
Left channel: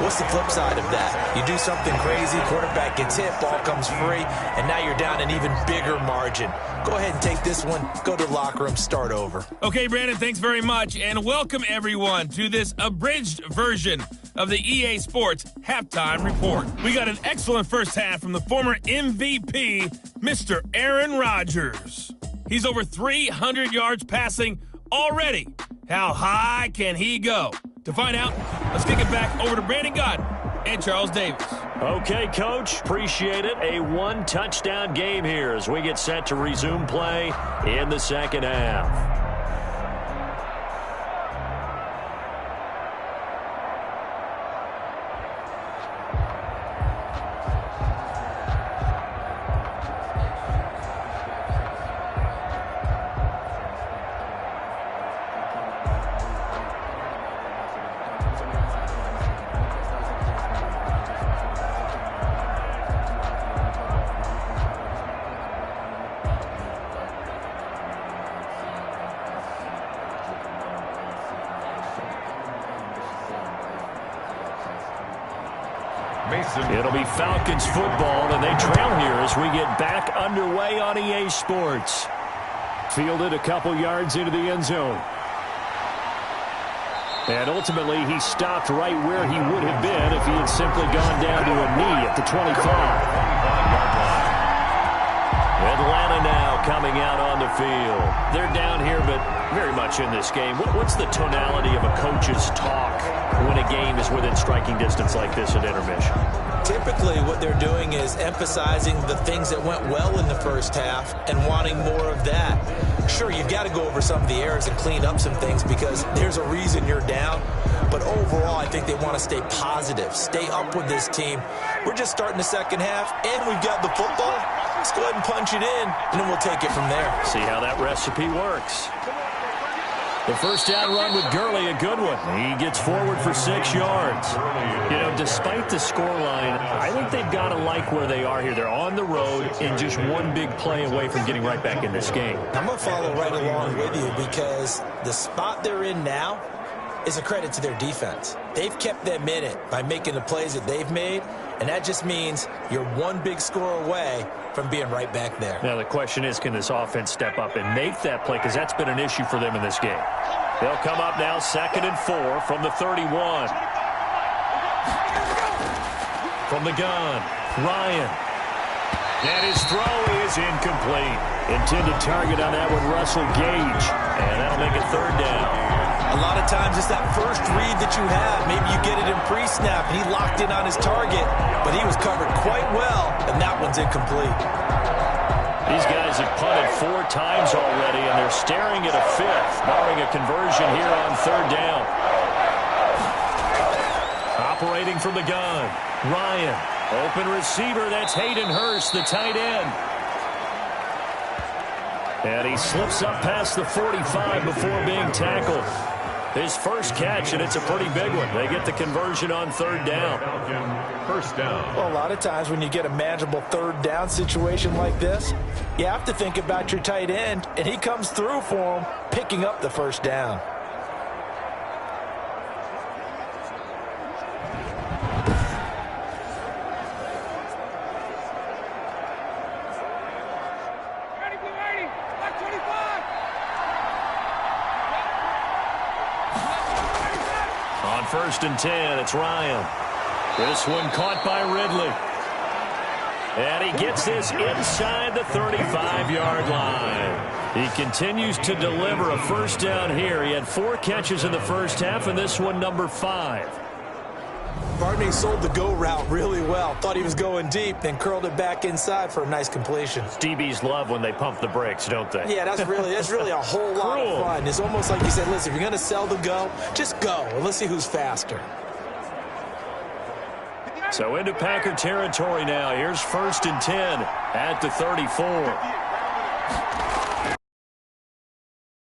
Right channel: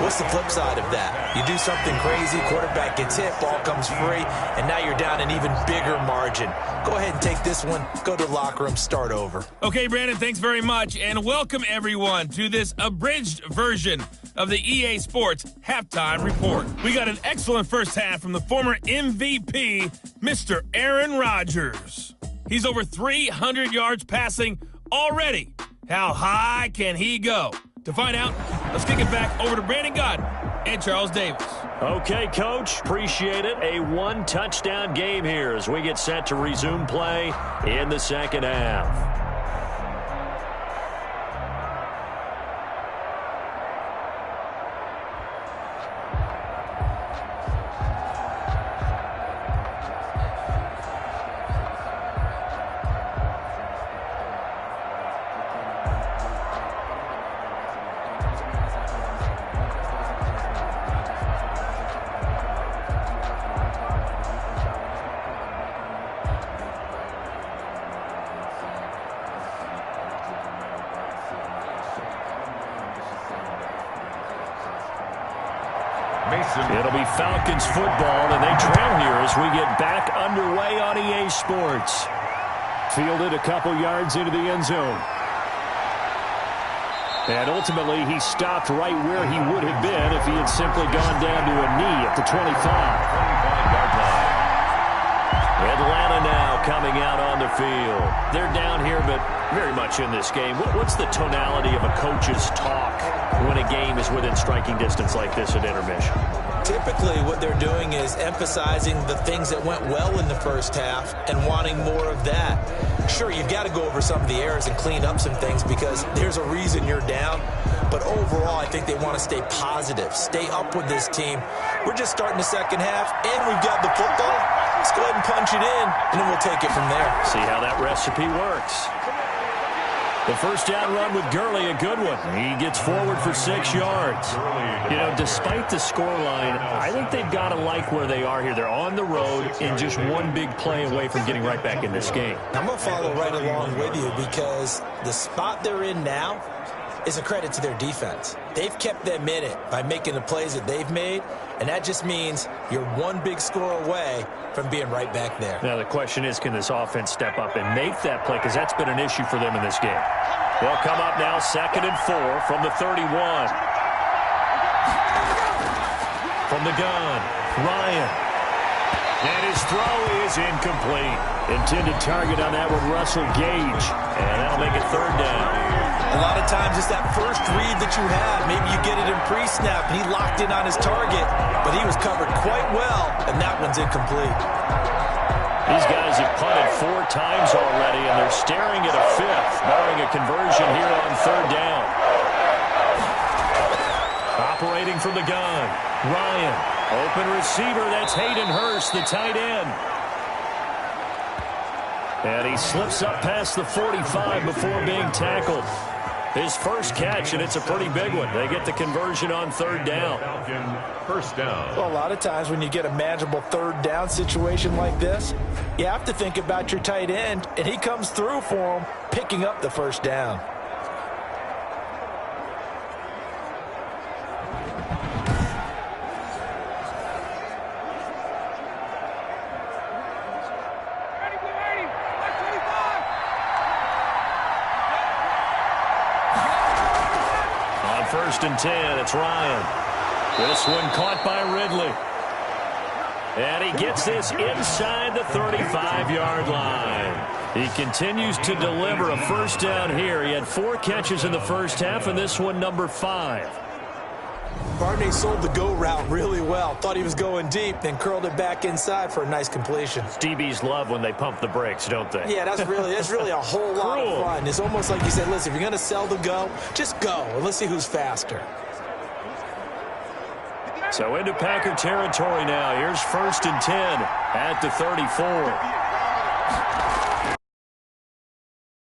What's the flip side of that? You do something crazy, quarterback gets hit, ball comes free, and now you're down an even bigger margin. Go ahead and take this one, go to the locker room, start over. Okay, Brandon, thanks very much, and welcome everyone to this abridged version of the EA Sports Halftime Report. We got an excellent first half from the former MVP, Mr. Aaron Rodgers. He's over 300 yards passing already. How high can he go? To find out, let's kick it back over to Brandon Gott and Charles Davis. Okay, Coach, appreciate it. A one-touchdown game here as we get set to resume play in the second half. It'll be Falcons football, and they trail here as we get back underway on EA Sports. Fielded a couple yards into the end zone. And ultimately, he stopped right where he would have been if he had simply gone down to a knee at the 25-yard line. Atlanta now coming out on the field. They're down here, but very much in this game. What's the tonality of a coach's talk when a game is within striking distance like this at intermission? Typically, what they're doing is emphasizing the things that went well in the first half and wanting more of that. Sure, you've got to go over some of the errors and clean up some things because there's a reason you're down. But overall, I think they want to stay positive, stay up with this team. We're just starting the second half, and we've got the football. Let's go ahead and punch it in, and then we'll take it from there. See how that recipe works. The first down run with Gurley, a good one. He gets forward for 6 yards. You know, despite the scoreline, I think they've got to like where they are here. They're on the road and just one big play away from getting right back in this game. I'm going to follow right along with you because the spot they're in now is a credit to their defense. They've kept them in it by making the plays that they've made, and that just means you're one big score away from being right back there. Now, the question is, can this offense step up and make that play? Because that's been an issue for them in this game. They'll come up now 2nd and 4 from the 31. From the gun, Ryan. And his throw is incomplete. Intended target on that with Russell Gage. And that'll make it 3rd down. A lot of times it's that first read that you have. Maybe you get it in pre-snap, and he locked in on his target, but he was covered quite well, and that one's incomplete. These guys have punted 4 times already, and they're staring at a 5th, barring a conversion here on 3rd down. Operating from the gun, Ryan. Open receiver, that's Hayden Hurst, the tight end. And he slips up past the 45 before being tackled. His first catch, and it's a pretty big one. They get the conversion on 3rd down. First down. Well, a lot of times when you get a manageable 3rd down situation like this, you have to think about your tight end, and he comes through for him, picking up the first down. On 1st and 10, it's Ryan. This one caught by Ridley. And he gets this inside the 35-yard line. He continues to deliver a first down here. He had 4 catches in the first half, and this one number 5. Barney sold the go route really well. Thought he was going deep, then curled it back inside for a nice completion. DBs love when they pump the brakes, don't they? Yeah, that's really a whole lot of fun. It's almost like you said, listen, if you're going to sell the go, just go, and let's see who's faster. So into Packer territory now. Here's 1st and 10 at the 34.